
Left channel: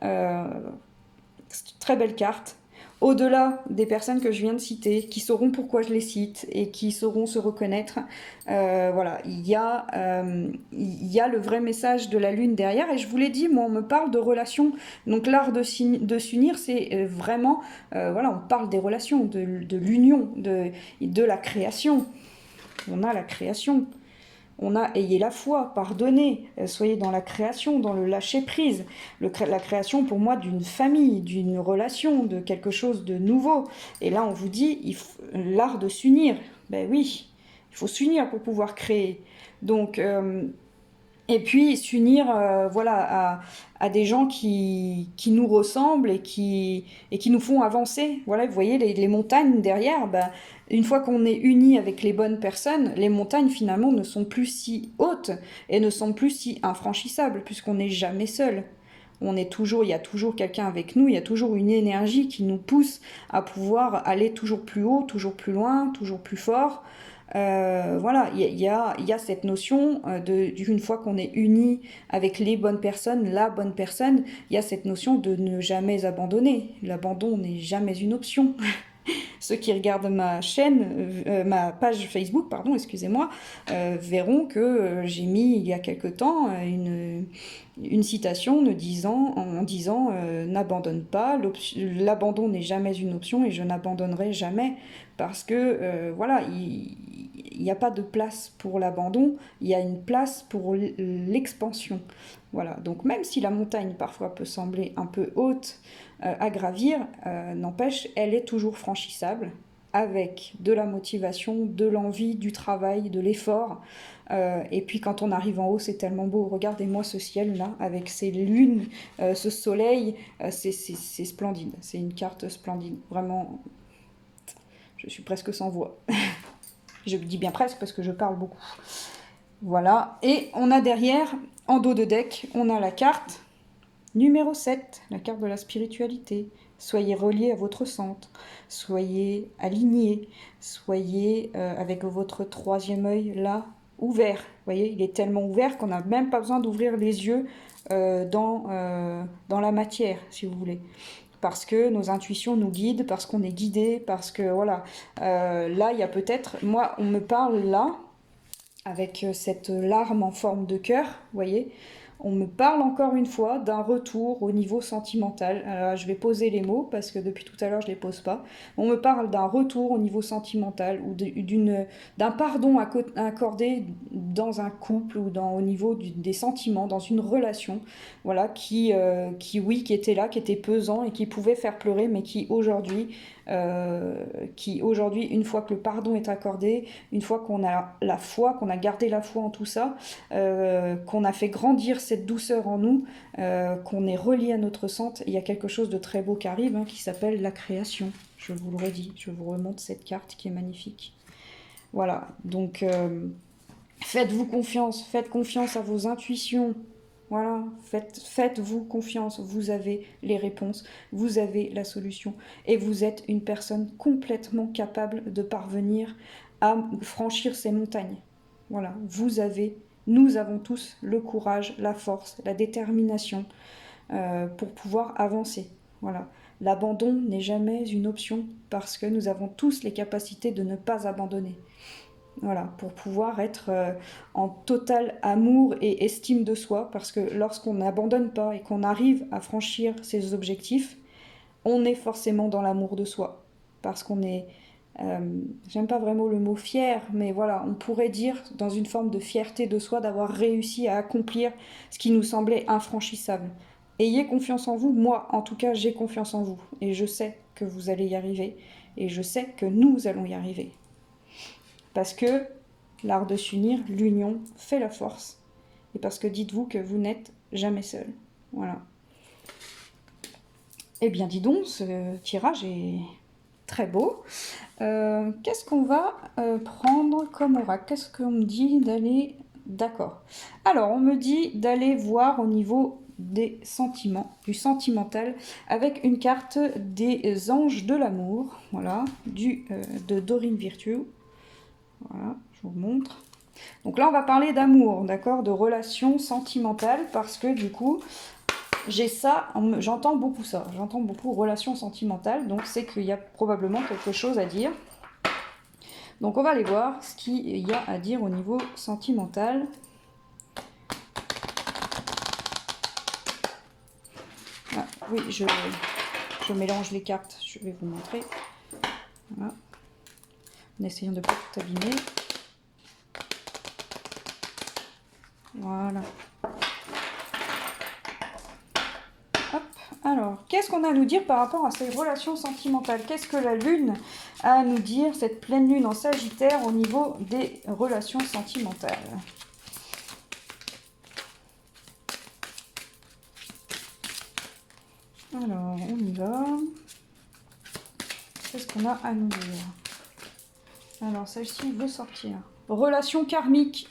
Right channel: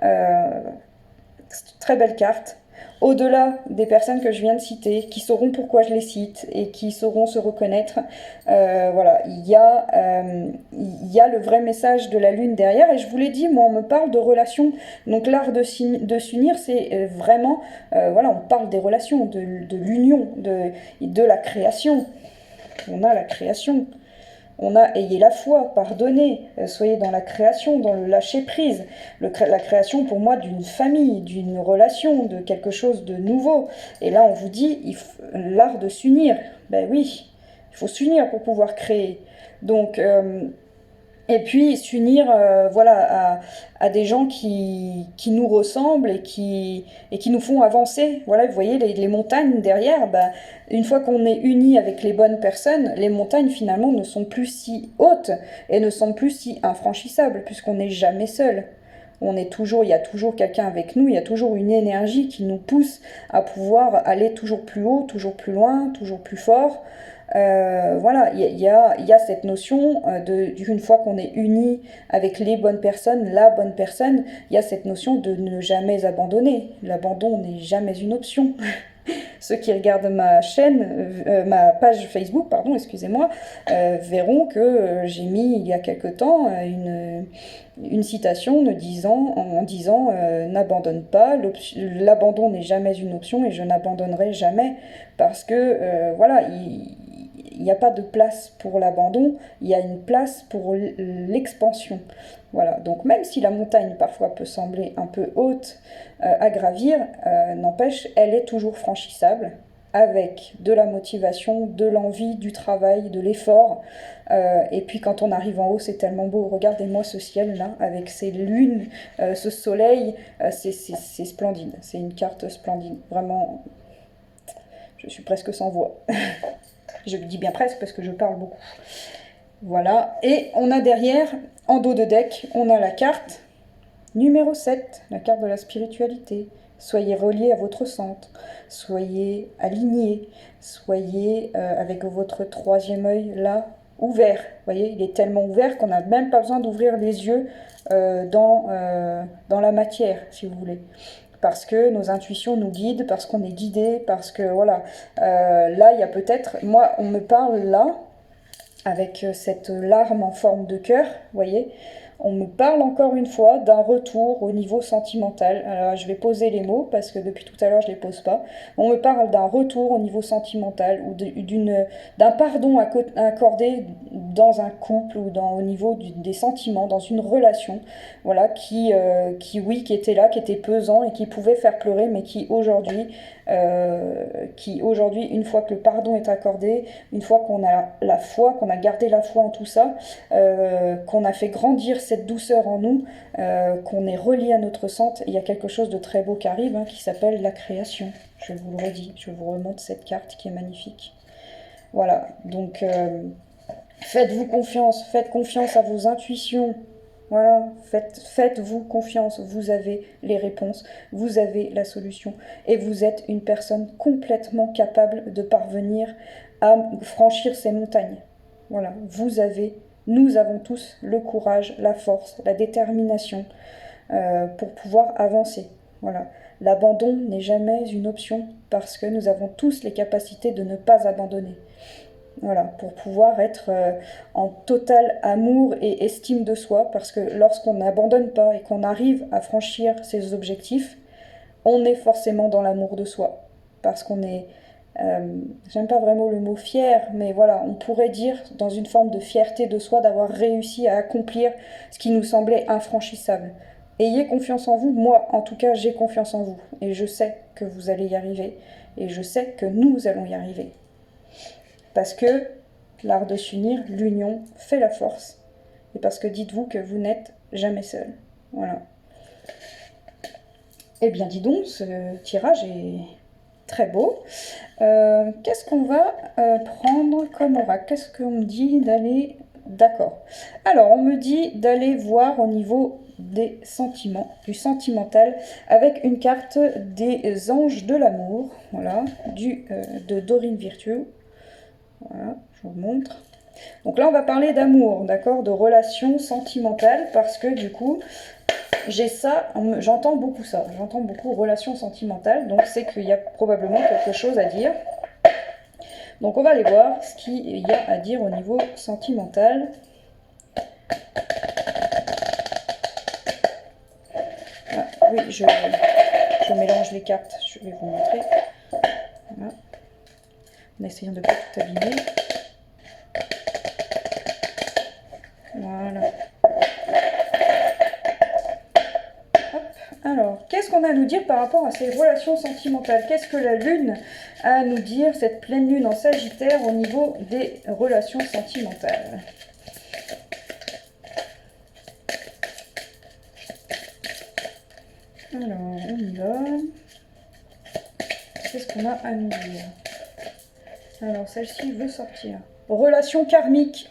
C'est une très belle carte. Au-delà des personnes que je viens de citer, qui sauront pourquoi je les cite et qui sauront se reconnaître, voilà, il y a le vrai message de la lune derrière. Et je vous l'ai dit, moi, on me parle de relations. Donc l'art de s'unir, c'est vraiment, voilà, on parle des relations, de l'union, de la création. On a la création. On a ayez la foi, pardonnez, soyez dans la création, dans le lâcher-prise. La création pour moi d'une famille, d'une relation, de quelque chose de nouveau. Et là on vous dit, l'art de s'unir. Ben oui, il faut s'unir pour pouvoir créer. Donc, et puis s'unir voilà, à des gens qui nous ressemblent et qui nous font avancer. Voilà, vous voyez les montagnes derrière, ben, une fois qu'on est unis avec les bonnes personnes, les montagnes finalement ne sont plus si hautes et ne sont plus si infranchissables puisqu'on n'est jamais seul. On est toujours, il y a toujours quelqu'un avec nous, il y a toujours une énergie qui nous pousse à pouvoir aller toujours plus haut, toujours plus loin, toujours plus fort. Voilà, il y a cette notion d'une fois qu'on est unis avec les bonnes personnes, la bonne personne, il y a cette notion de ne jamais abandonner. L'abandon n'est jamais une option. Ceux qui regardent ma chaîne, ma page Facebook, pardon, excusez-moi, verront que j'ai mis il y a quelque temps une citation en disant n'abandonne pas, l'abandon n'est jamais une option et je n'abandonnerai jamais parce que voilà, il n'y a pas de place pour l'abandon, il y a une place pour l'expansion. Voilà, donc même si la montagne parfois peut sembler un peu haute à gravir, n'empêche, elle est toujours franchissable avec de la motivation, de l'envie, du travail, de l'effort. Et puis quand on arrive en haut, c'est tellement beau. Regardez-moi ce ciel-là, avec ces lunes, ce soleil, c'est splendide. C'est une carte splendide. Vraiment, je suis presque sans voix. Je dis bien presque parce que je parle beaucoup. Voilà, et on a derrière, en dos de deck, on a la carte numéro 7, la carte de la spiritualité. Soyez reliés à votre centre, soyez alignés, soyez avec votre troisième œil là, ouvert. Vous voyez, il est tellement ouvert qu'on n'a même pas besoin d'ouvrir les yeux dans la matière, si vous voulez. Parce que nos intuitions nous guident, parce qu'on est guidé, parce que voilà. Là, il y a peut-être, moi, on me parle là, avec cette larme en forme de cœur, vous voyez, on me parle encore une fois d'un retour au niveau sentimental. Alors, je vais poser les mots parce que depuis tout à l'heure je ne les pose pas. On me parle d'un retour au niveau sentimental ou d'un pardon accordé dans un couple ou au niveau des sentiments, dans une relation, voilà, qui était là, qui était pesant et qui pouvait faire pleurer, mais qui aujourd'hui, une fois que le pardon est accordé, une fois qu'on a la foi, qu'on a gardé la foi en tout ça, qu'on a fait grandir cette douceur en nous, qu'on est relié à notre centre, il y a quelque chose de très beau qui arrive, qui s'appelle la création. Je vous le redis, je vous remonte cette carte qui est magnifique. Voilà, donc faites-vous confiance, faites confiance à vos intuitions. Voilà, faites-vous confiance, vous avez les réponses, vous avez la solution et vous êtes une personne complètement capable de parvenir à franchir ces montagnes. Voilà, nous avons tous le courage, la force, la détermination pour pouvoir avancer. Voilà, l'abandon n'est jamais une option parce que nous avons tous les capacités de ne pas abandonner. Voilà, pour pouvoir être en total amour et estime de soi, parce que lorsqu'on n'abandonne pas et qu'on arrive à franchir ses objectifs, on est forcément dans l'amour de soi. Parce qu'on est, j'aime pas vraiment le mot fier, mais voilà, on pourrait dire dans une forme de fierté de soi d'avoir réussi à accomplir ce qui nous semblait infranchissable. Ayez confiance en vous, moi en tout cas j'ai confiance en vous, et je sais que vous allez y arriver, et je sais que nous allons y arriver. Parce que l'art de s'unir, l'union, fait la force. Et parce que dites-vous que vous n'êtes jamais seul. Voilà. Eh bien, dis donc, ce tirage est très beau. Qu'est-ce qu'on va prendre comme oracle? Qu'est-ce qu'on me dit d'aller... D'accord. Alors, on me dit d'aller voir au niveau des sentiments, du sentimental, avec une carte des anges de l'amour, voilà, de Dorine Virtue. Voilà, je vous montre. Donc là, on va parler d'amour, d'accord, de relations sentimentales, parce que du coup, j'ai ça, j'entends beaucoup ça, j'entends beaucoup relations sentimentales, donc c'est qu'il y a probablement quelque chose à dire. Donc on va aller voir ce qu'il y a à dire au niveau sentimental. Ah, oui, je mélange les cartes, je vais vous montrer. Voilà. En essayant de ne pas tout abîmer. Voilà. Hop. Alors, qu'est-ce qu'on a à nous dire par rapport à ces relations sentimentales? Qu'est-ce que la Lune a à nous dire, cette pleine Lune en Sagittaire, au niveau des relations sentimentales? Alors, on y va. Qu'est-ce qu'on a à nous dire? Alors, celle-ci veut sortir. Relation karmique.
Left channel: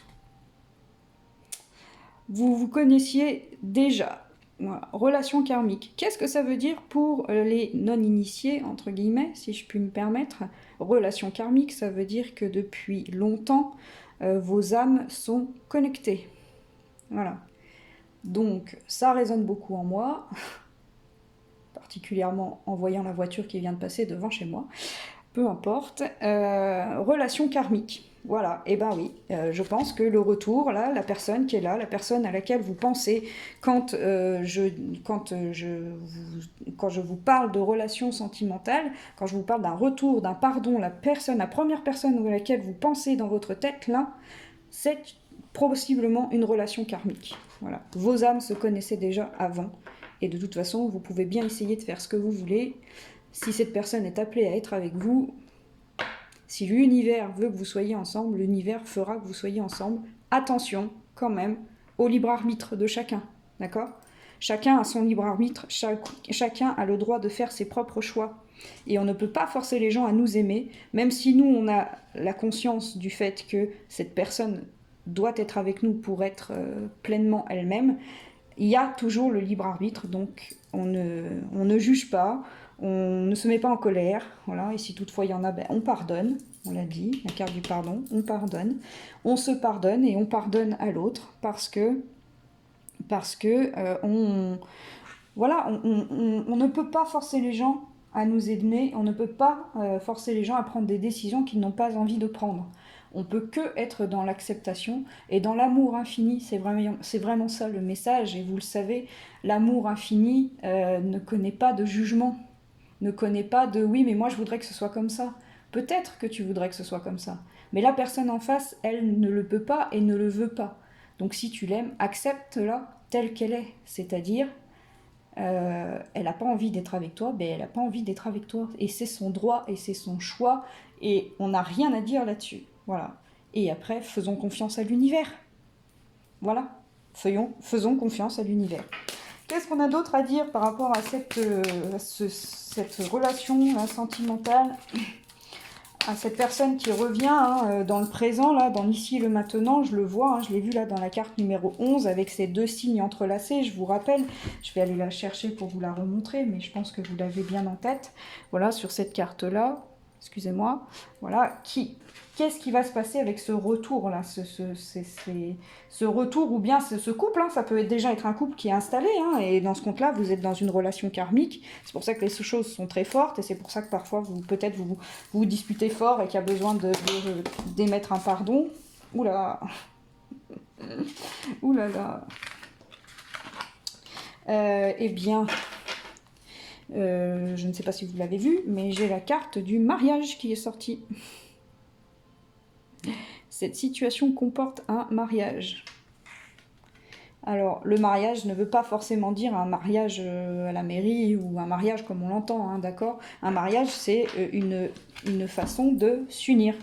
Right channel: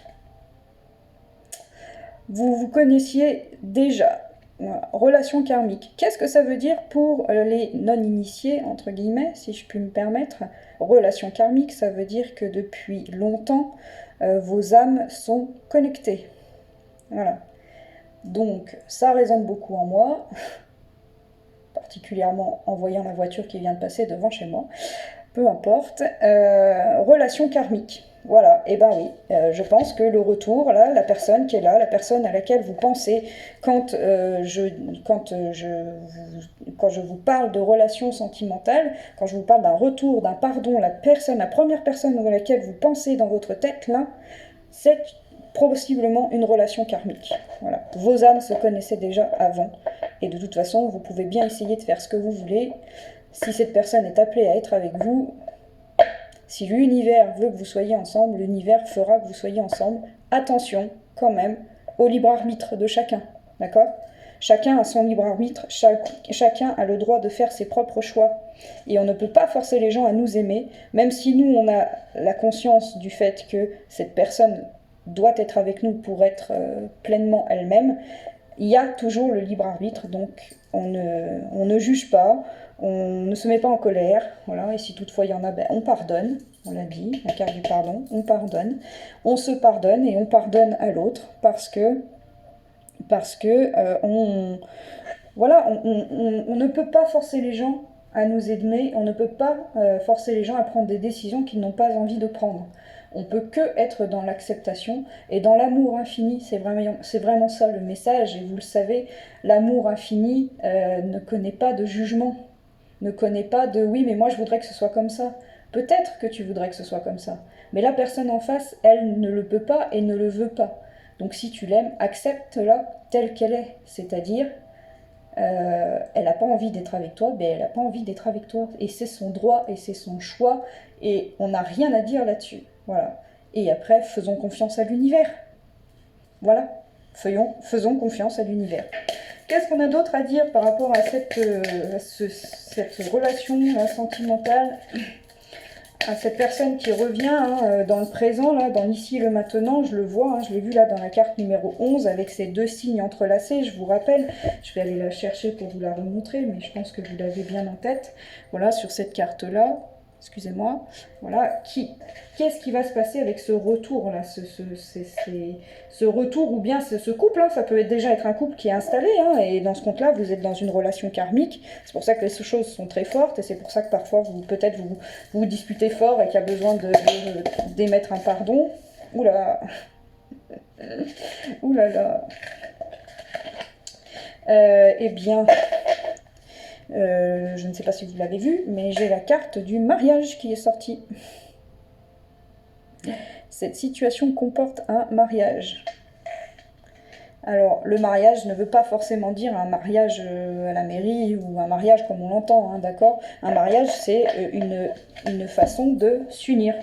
Vous vous connaissiez déjà. Voilà. Relation karmique. Qu'est-ce que ça veut dire pour les non-initiés, entre guillemets, si je puis me permettre? Relation karmique, ça veut dire que depuis longtemps, vos âmes sont connectées. Voilà. Donc, ça résonne beaucoup en moi, particulièrement en voyant la voiture qui vient de passer devant chez moi. Peu importe. Relation karmique. Voilà, et ben oui, je pense que le retour, là, la personne qui est là, la personne à laquelle vous pensez quand je vous parle de relations sentimentales, quand je vous parle d'un retour, d'un pardon, la première personne à laquelle vous pensez dans votre tête, là, c'est possiblement une relation karmique. Voilà. Vos âmes se connaissaient déjà avant, et de toute façon, vous pouvez bien essayer de faire ce que vous voulez. Si cette personne est appelée à être avec vous, si l'univers veut que vous soyez ensemble, l'univers fera que vous soyez ensemble. Attention, quand même, au libre arbitre de chacun, d'accord? Chacun a son libre arbitre, chacun a le droit de faire ses propres choix. Et on ne peut pas forcer les gens à nous aimer, même si nous, on a la conscience du fait que cette personne doit être avec nous pour être pleinement elle-même. Il y a toujours le libre arbitre, donc on ne juge pas, on ne se met pas en colère, voilà, et si toutefois il y en a, ben, on pardonne, on l'a dit, la carte du pardon, on pardonne, on se pardonne et on pardonne à l'autre voilà, on ne peut pas forcer les gens à nous aimer, on ne peut pas forcer les gens à prendre des décisions qu'ils n'ont pas envie de prendre. On peut que être dans l'acceptation et dans l'amour infini, c'est vraiment ça le message, et vous le savez, l'amour infini ne connaît pas de jugement, ne connaît pas de oui mais moi je voudrais que ce soit comme ça. Peut-être que tu voudrais que ce soit comme ça, mais la personne en face, elle ne le peut pas et ne le veut pas. Donc si tu l'aimes, accepte-la telle qu'elle est, c'est-à-dire elle n'a pas envie d'être avec toi, mais elle n'a pas envie d'être avec toi, et c'est son droit et c'est son choix, et on n'a rien à dire là-dessus. Voilà. Et après, faisons confiance à l'univers. Voilà. Faisons confiance à l'univers. Qu'est-ce qu'on a d'autre à dire par rapport à cette relation sentimentale, à cette personne qui revient dans le présent, là, dans l'ici et le maintenant? Je le vois, je l'ai vu là dans la carte numéro 11 avec ces deux signes entrelacés. Je vous rappelle, je vais aller la chercher pour vous la remontrer, mais je pense que vous l'avez bien en tête. Voilà, sur cette carte-là. Excusez-moi, voilà, qu'est-ce qui va se passer avec ce retour-là, ce retour, ou bien ce couple, ça peut déjà être un couple qui est installé, et dans ce compte-là, vous êtes dans une relation karmique, c'est pour ça que les choses sont très fortes, et c'est pour ça que parfois, peut-être vous disputez fort et qu'il y a besoin d'émettre un pardon. Oula, oulala, eh bien... je ne sais pas si vous l'avez vu, mais j'ai la carte du mariage qui est sortie. Cette situation comporte un mariage. Alors, le mariage ne veut pas forcément dire un mariage à la mairie ou un mariage comme on l'entend, d'accord? Un mariage, c'est une façon de s'unir.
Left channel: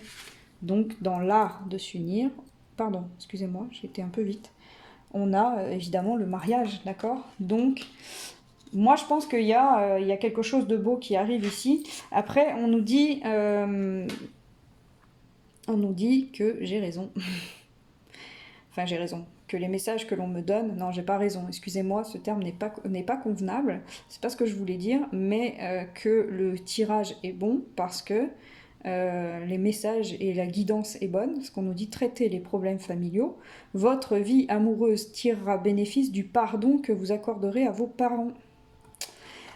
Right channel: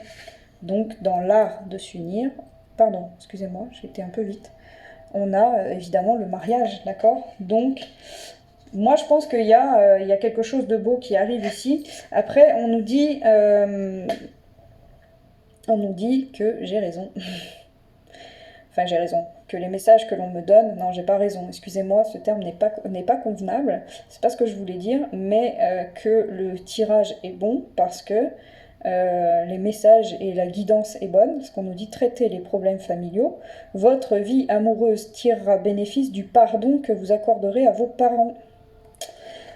Donc, dans l'art de s'unir, pardon, excusez-moi, j'ai été un peu vite, on a évidemment le mariage, d'accord? Donc... moi, je pense qu'il y a quelque chose de beau qui arrive ici. Après, on nous dit que j'ai raison. Enfin, j'ai raison. Que les messages que l'on me donne... non, j'ai pas raison. Excusez-moi, ce terme n'est pas convenable. C'est pas ce que je voulais dire. Mais que le tirage est bon parce que les messages et la guidance est bonne, ce qu'on nous dit traiter les problèmes familiaux. Votre vie amoureuse tirera bénéfice du pardon que vous accorderez à vos parents.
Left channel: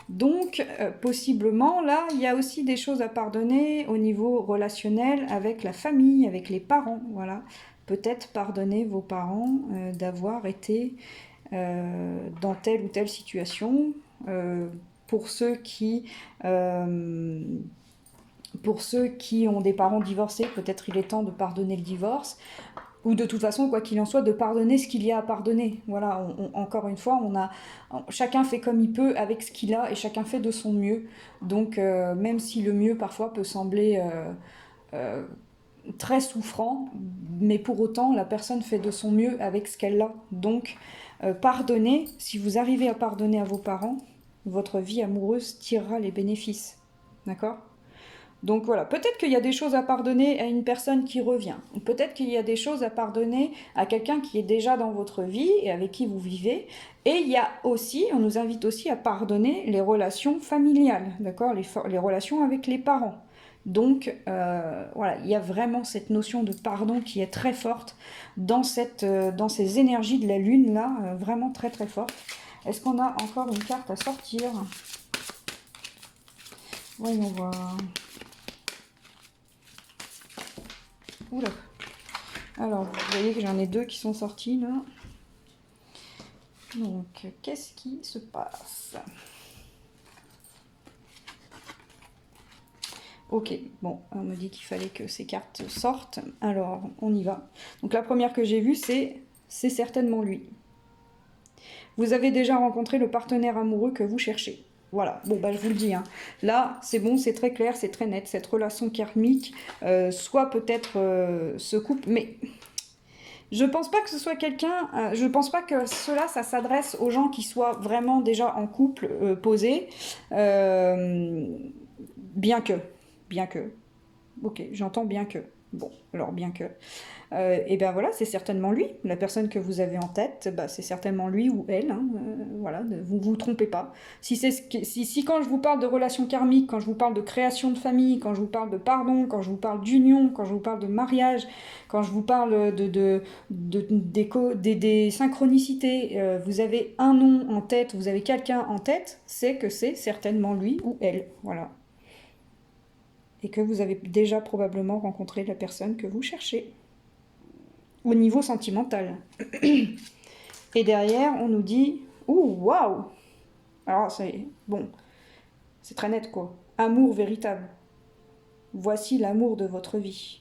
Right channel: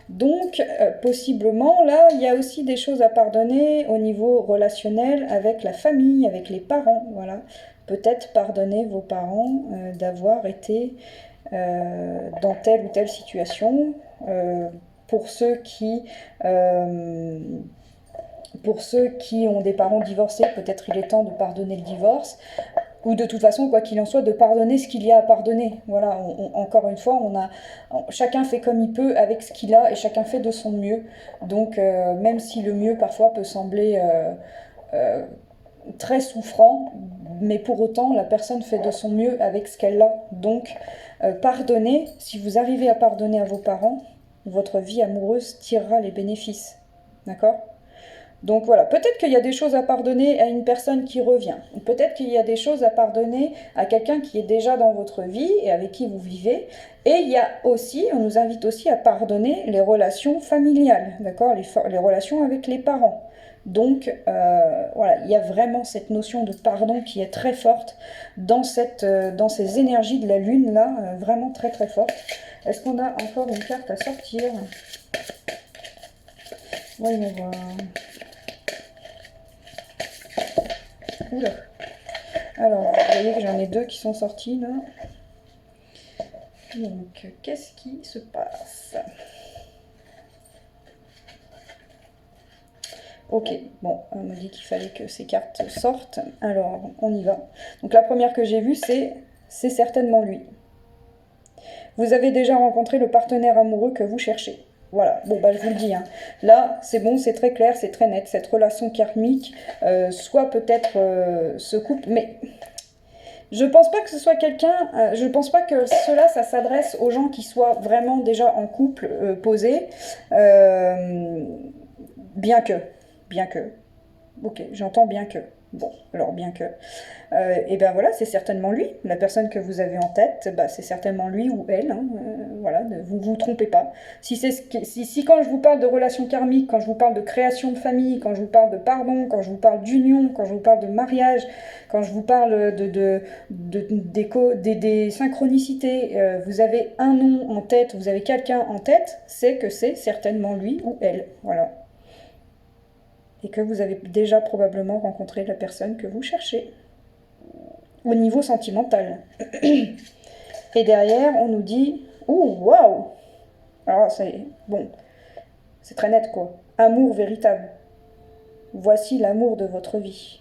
Donc, possiblement, là, il y a aussi des choses à pardonner au niveau relationnel avec la famille, avec les parents, voilà. Peut-être pardonner vos parents d'avoir été dans telle ou telle situation. Pour ceux qui ont des parents divorcés, peut-être il est temps de pardonner le divorce. Ou de toute façon, quoi qu'il en soit, de pardonner ce qu'il y a à pardonner. Voilà, encore une fois, chacun fait comme il peut avec ce qu'il a et chacun fait de son mieux. Donc, même si le mieux parfois peut sembler très souffrant, mais pour autant, la personne fait de son mieux avec ce qu'elle a. Donc, pardonnez, si vous arrivez à pardonner à vos parents, votre vie amoureuse tirera les bénéfices. D'accord ? Donc voilà, peut-être qu'il y a des choses à pardonner à une personne qui revient. Peut-être qu'il y a des choses à pardonner à quelqu'un qui est déjà dans votre vie et avec qui vous vivez. Et il y a aussi, on nous invite aussi à pardonner les relations familiales, d'accord, les relations avec les parents. Donc voilà, il y a vraiment cette notion de pardon qui est très forte dans ces énergies de la lune là, vraiment très très forte. Est-ce qu'on a encore une carte à sortir? Voyons voir. Oula. Alors, vous voyez que j'en ai deux qui sont sortis là. Donc, qu'est-ce qui se passe? Ok, bon, on me dit qu'il fallait que ces cartes sortent. Alors, on y va. Donc, la première que j'ai vue, c'est certainement lui. Vous avez déjà rencontré le partenaire amoureux que vous cherchez. Voilà, bon bah je vous le dis, hein. Là c'est bon, c'est très clair, c'est très net, cette relation karmique, soit peut-être ce couple, mais je pense pas que ce soit quelqu'un, je pense pas que cela, ça s'adresse aux gens qui soient vraiment déjà en couple posé, bien que, ok, j'entends bien que, bon, alors bien que, et bien voilà, c'est certainement lui, la personne que vous avez en tête, bah, c'est certainement lui ou elle, hein, voilà, vous vous trompez pas. Si quand je vous parle de relations karmiques, quand je vous parle de création de famille, quand je vous parle de pardon, quand je vous parle d'union, quand je vous parle de mariage, quand je vous parle des synchronicités, vous avez un nom en tête, vous avez quelqu'un en tête, c'est que c'est certainement lui ou elle, voilà. Et que vous avez déjà probablement rencontré la personne que vous cherchez au niveau sentimental. Et derrière, on nous dit « Ouh, waouh !» Alors, c'est bon, c'est très net, quoi. Amour véritable. Voici l'amour de votre vie.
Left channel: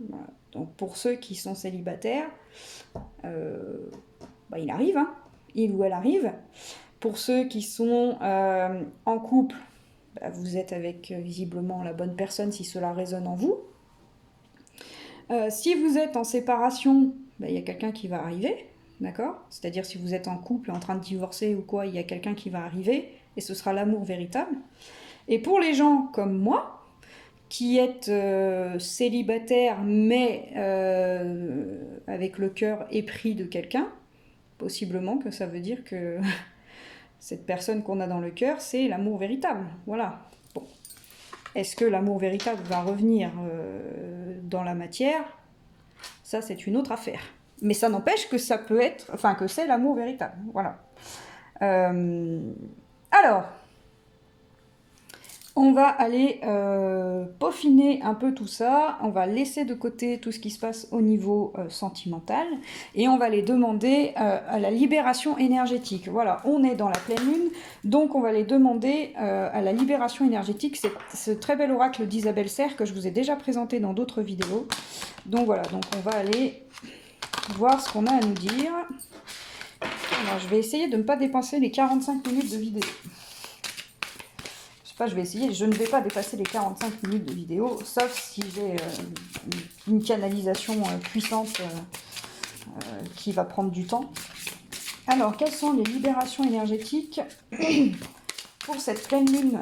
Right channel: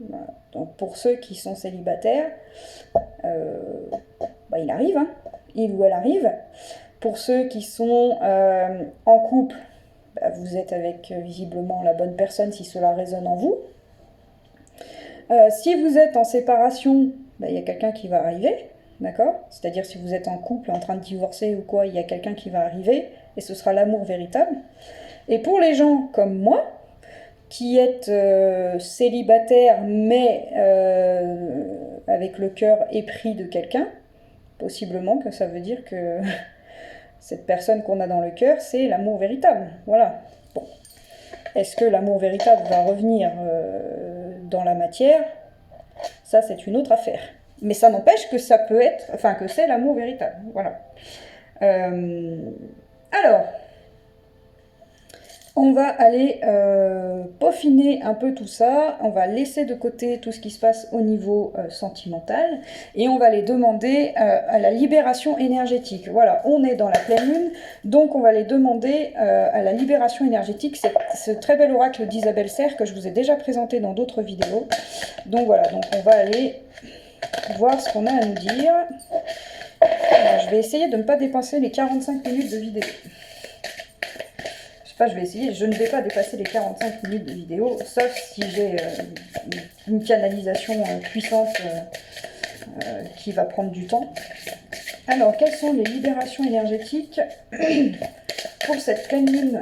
Voilà. Donc, pour ceux qui sont célibataires, bah, il arrive, hein. Il ou elle arrive. Pour ceux qui sont en couple, bah, vous êtes avec visiblement la bonne personne si cela résonne en vous. Si vous êtes en séparation, bah, y a quelqu'un qui va arriver, d'accord? C'est-à-dire si vous êtes en couple, en train de divorcer ou quoi, il y a quelqu'un qui va arriver, et ce sera l'amour véritable. Et pour les gens comme moi, qui êtes célibataire, mais avec le cœur épris de quelqu'un, possiblement que ça veut dire que cette personne qu'on a dans le cœur, c'est l'amour véritable, voilà. Bon. Est-ce que l'amour véritable va revenir dans la matière? Ça, c'est une autre affaire. Mais ça n'empêche que ça peut être, enfin que c'est l'amour véritable. Voilà. Alors, on va aller peaufiner un peu tout ça. On va laisser de côté tout ce qui se passe au niveau sentimental. Et on va aller demander à la libération énergétique. Voilà, on est dans la pleine lune. Donc, on va aller demander à la libération énergétique. C'est ce très bel oracle d'Isabelle Serre que je vous ai déjà présenté dans d'autres vidéos. Donc, voilà, donc on va aller voir ce qu'on a à nous dire. Alors, je vais essayer de ne pas dépasser les 45 minutes de vidéo. Je vais essayer, je ne vais pas dépasser les 45 minutes de vidéo, sauf si j'ai une canalisation puissante qui va prendre du temps. Alors, quelles sont les libérations énergétiques pour cette pleine lune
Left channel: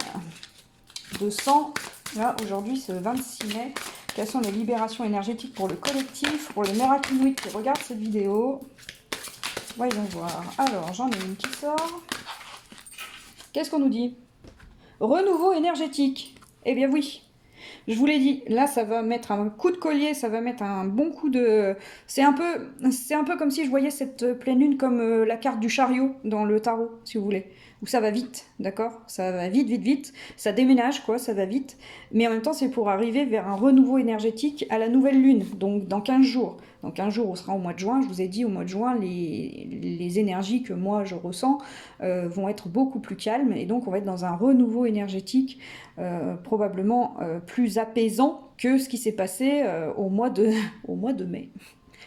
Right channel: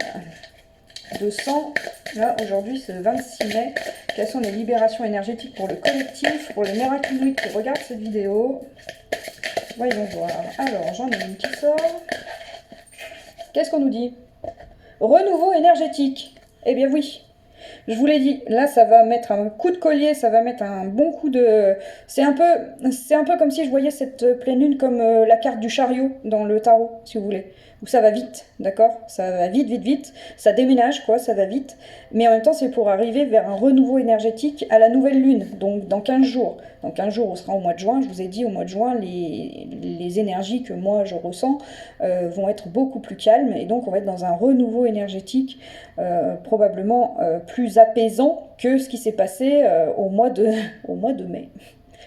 de sang? Là, aujourd'hui, c'est le 26 mai. Quelles sont les libérations énergétiques pour le collectif, pour le Miraculous qui regarde cette vidéo? Voyons voir. Alors, j'en ai une qui sort. Qu'est-ce qu'on nous dit? Renouveau énergétique. Eh bien oui. Je vous l'ai dit, là ça va mettre un coup de collier, ça va mettre un bon coup de... c'est un peu comme si je voyais cette pleine lune comme la carte du chariot dans le tarot, si vous voulez. Où ça va vite, d'accord? Ça va vite, vite, vite. Ça déménage, quoi, ça va vite. Mais en même temps, c'est pour arriver vers un renouveau énergétique à la nouvelle lune, donc dans 15 jours. Dans 15 jours, on sera au mois de juin. Je vous ai dit, au mois de juin, les énergies que moi je ressens vont être beaucoup plus calmes. Et donc, on va être dans un renouveau énergétique probablement plus apaisant que ce qui s'est passé au mois de mai.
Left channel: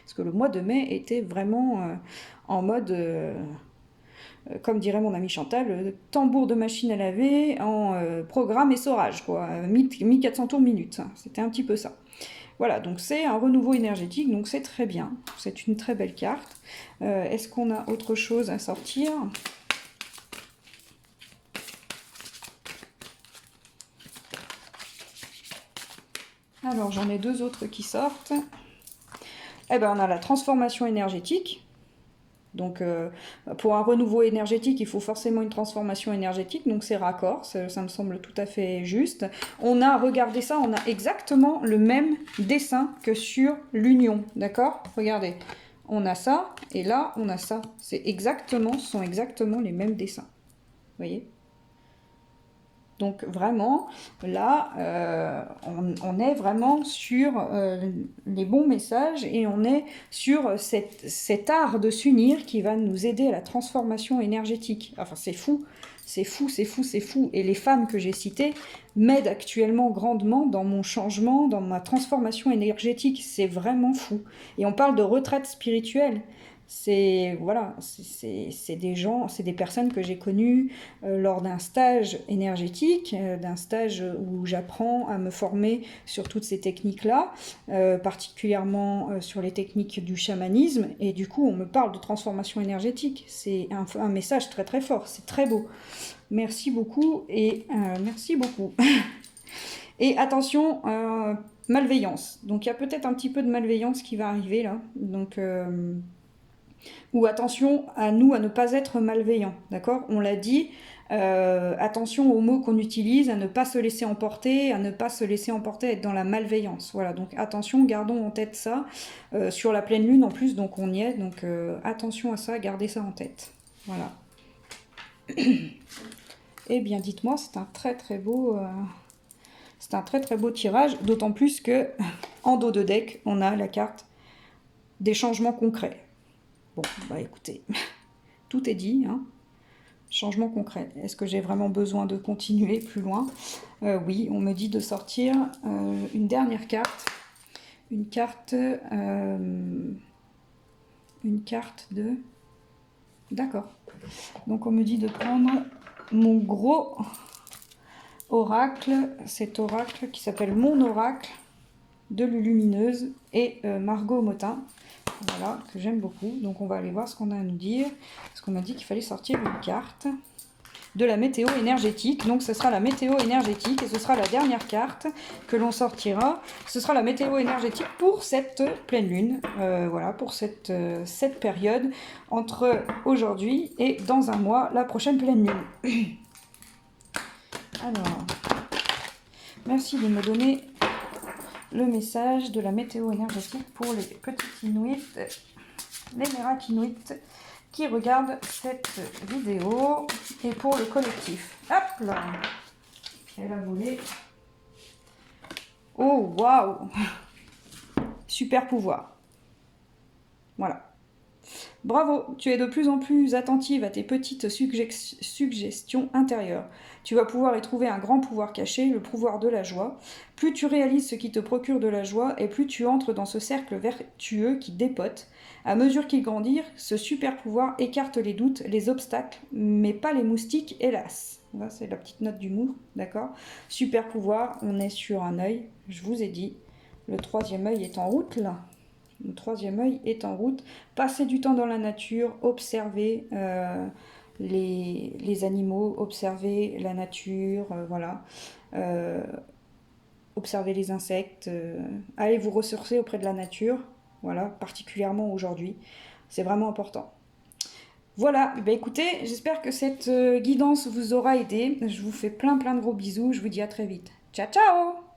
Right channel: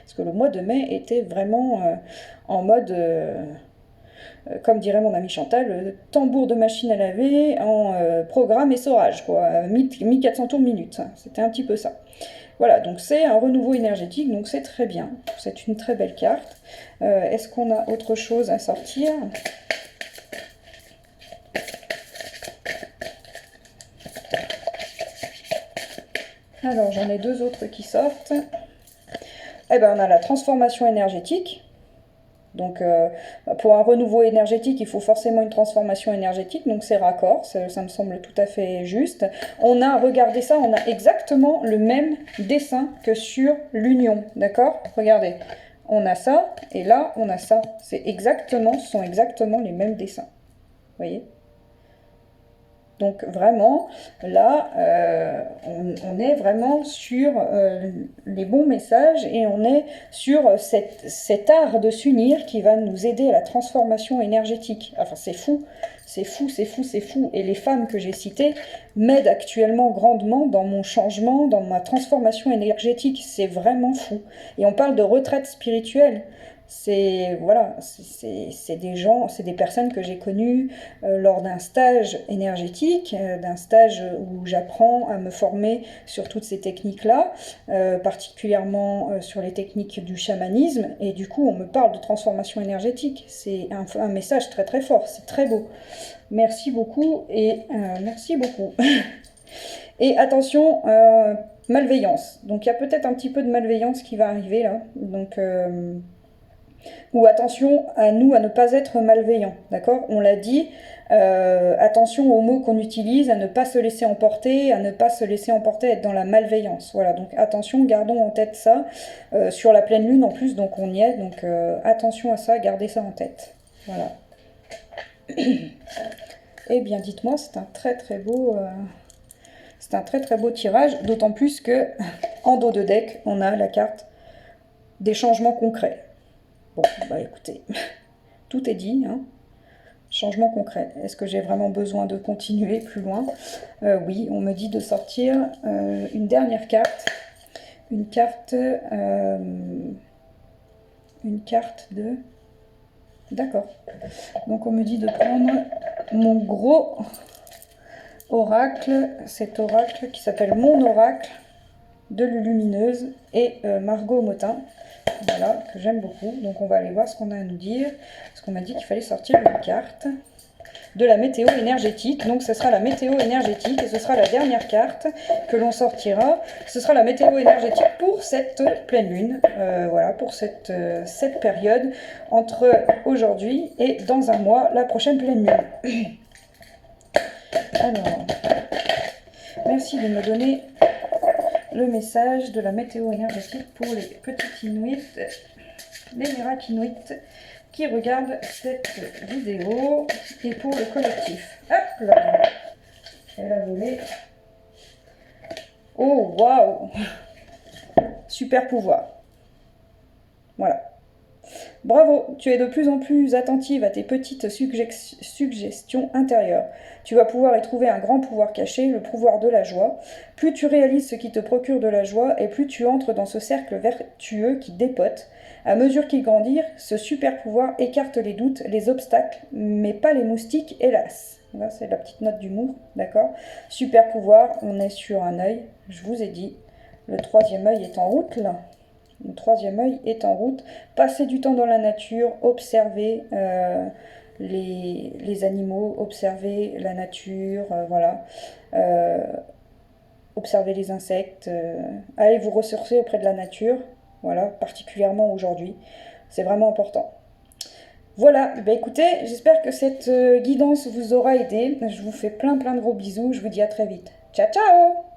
Parce que le mois de mai était vraiment en mode... comme dirait mon ami Chantal, tambour de machine à laver en programme essorage, quoi, 1400 tours minute. C'était un petit peu ça. Voilà, donc c'est un renouveau énergétique, donc c'est très bien. C'est une très belle carte. Est-ce qu'on a autre chose à sortir? Alors, j'en ai deux autres qui sortent. Eh ben, on a la transformation énergétique. Donc, pour un renouveau énergétique, il faut forcément une transformation énergétique, donc c'est raccord, ça me semble tout à fait juste. On a, regardez ça, on a exactement le même dessin que sur l'union, d'accord? Regardez, on a ça, et là, on a ça. Ce sont exactement les mêmes dessins, vous voyez? Donc vraiment, là, on est vraiment sur les bons messages et on est sur cet art de s'unir qui va nous aider à la transformation énergétique. Enfin, c'est fou, c'est fou, c'est fou, c'est fou. Et les femmes que j'ai citées m'aident actuellement grandement dans mon changement, dans ma transformation énergétique. C'est vraiment fou. Et on parle de retraite spirituelle. C'est voilà, c'est des gens, c'est des personnes que j'ai connues lors d'un stage énergétique, d'un stage où j'apprends à me former sur toutes ces techniques-là, particulièrement sur les techniques du chamanisme, et du coup on me parle de transformation énergétique. C'est un message très très fort, c'est très beau. Merci beaucoup et merci beaucoup. Et attention, malveillance. Donc il y a peut-être un petit peu de malveillance qui va arriver là. Donc ou attention à nous à ne pas être malveillants, d'accord? On l'a dit, attention aux mots qu'on utilise, à ne pas se laisser emporter, à ne pas se laisser emporter, être dans la malveillance. Voilà, donc attention, gardons en tête ça. Sur la pleine lune en plus, donc on y est, donc attention à ça, gardez ça en tête. Voilà. Eh bien, dites-moi, c'est un très très beau... c'est un très très beau tirage, d'autant plus que en dos de deck, on a la carte des changements concrets. Bon, bah écoutez, tout est dit, hein. Changement concret. Est-ce que j'ai vraiment besoin de continuer plus loin? Oui, on me dit de sortir une dernière carte. Une carte de... D'accord. Donc on me dit de prendre mon gros oracle, cet oracle qui s'appelle Mon Oracle de Lulumineuse et Margot Motin. Voilà, que j'aime beaucoup. Donc on va aller voir ce qu'on a à nous dire. Parce qu'on m'a dit qu'il fallait sortir une carte de la météo énergétique. Donc ce sera la météo énergétique et ce sera la dernière carte que l'on sortira. Ce sera la météo énergétique pour cette pleine lune. Voilà, pour cette période entre aujourd'hui et dans un mois, la prochaine pleine lune. Alors, merci de me donner le message de la météo énergétique pour les petits Inuits, les miracles Inuits qui regardent cette vidéo et pour le collectif. Hop là, elle a volé. Oh waouh, super pouvoir. Voilà. Bravo, tu es de plus en plus attentive à tes petites suggestions intérieures. Tu vas pouvoir y trouver un grand pouvoir caché, le pouvoir de la joie. Plus tu réalises ce qui te procure de la joie, et plus tu entres dans ce cercle vertueux qui dépote. À mesure qu'il grandit, ce super pouvoir écarte les doutes, les obstacles, mais pas les moustiques, hélas. Là, c'est la petite note d'humour, d'accord? Super pouvoir, on est sur un œil, je vous ai dit. Le troisième œil est en route, là. Le troisième œil est en route. Passez du temps dans la nature, observez les animaux, observez la nature, voilà. Observez les insectes. Allez vous ressourcer auprès de la nature, voilà, particulièrement aujourd'hui. C'est vraiment important. Voilà, bah écoutez, j'espère que cette guidance vous aura aidé. Je vous fais plein de gros bisous. Je vous dis à très vite. Ciao, ciao!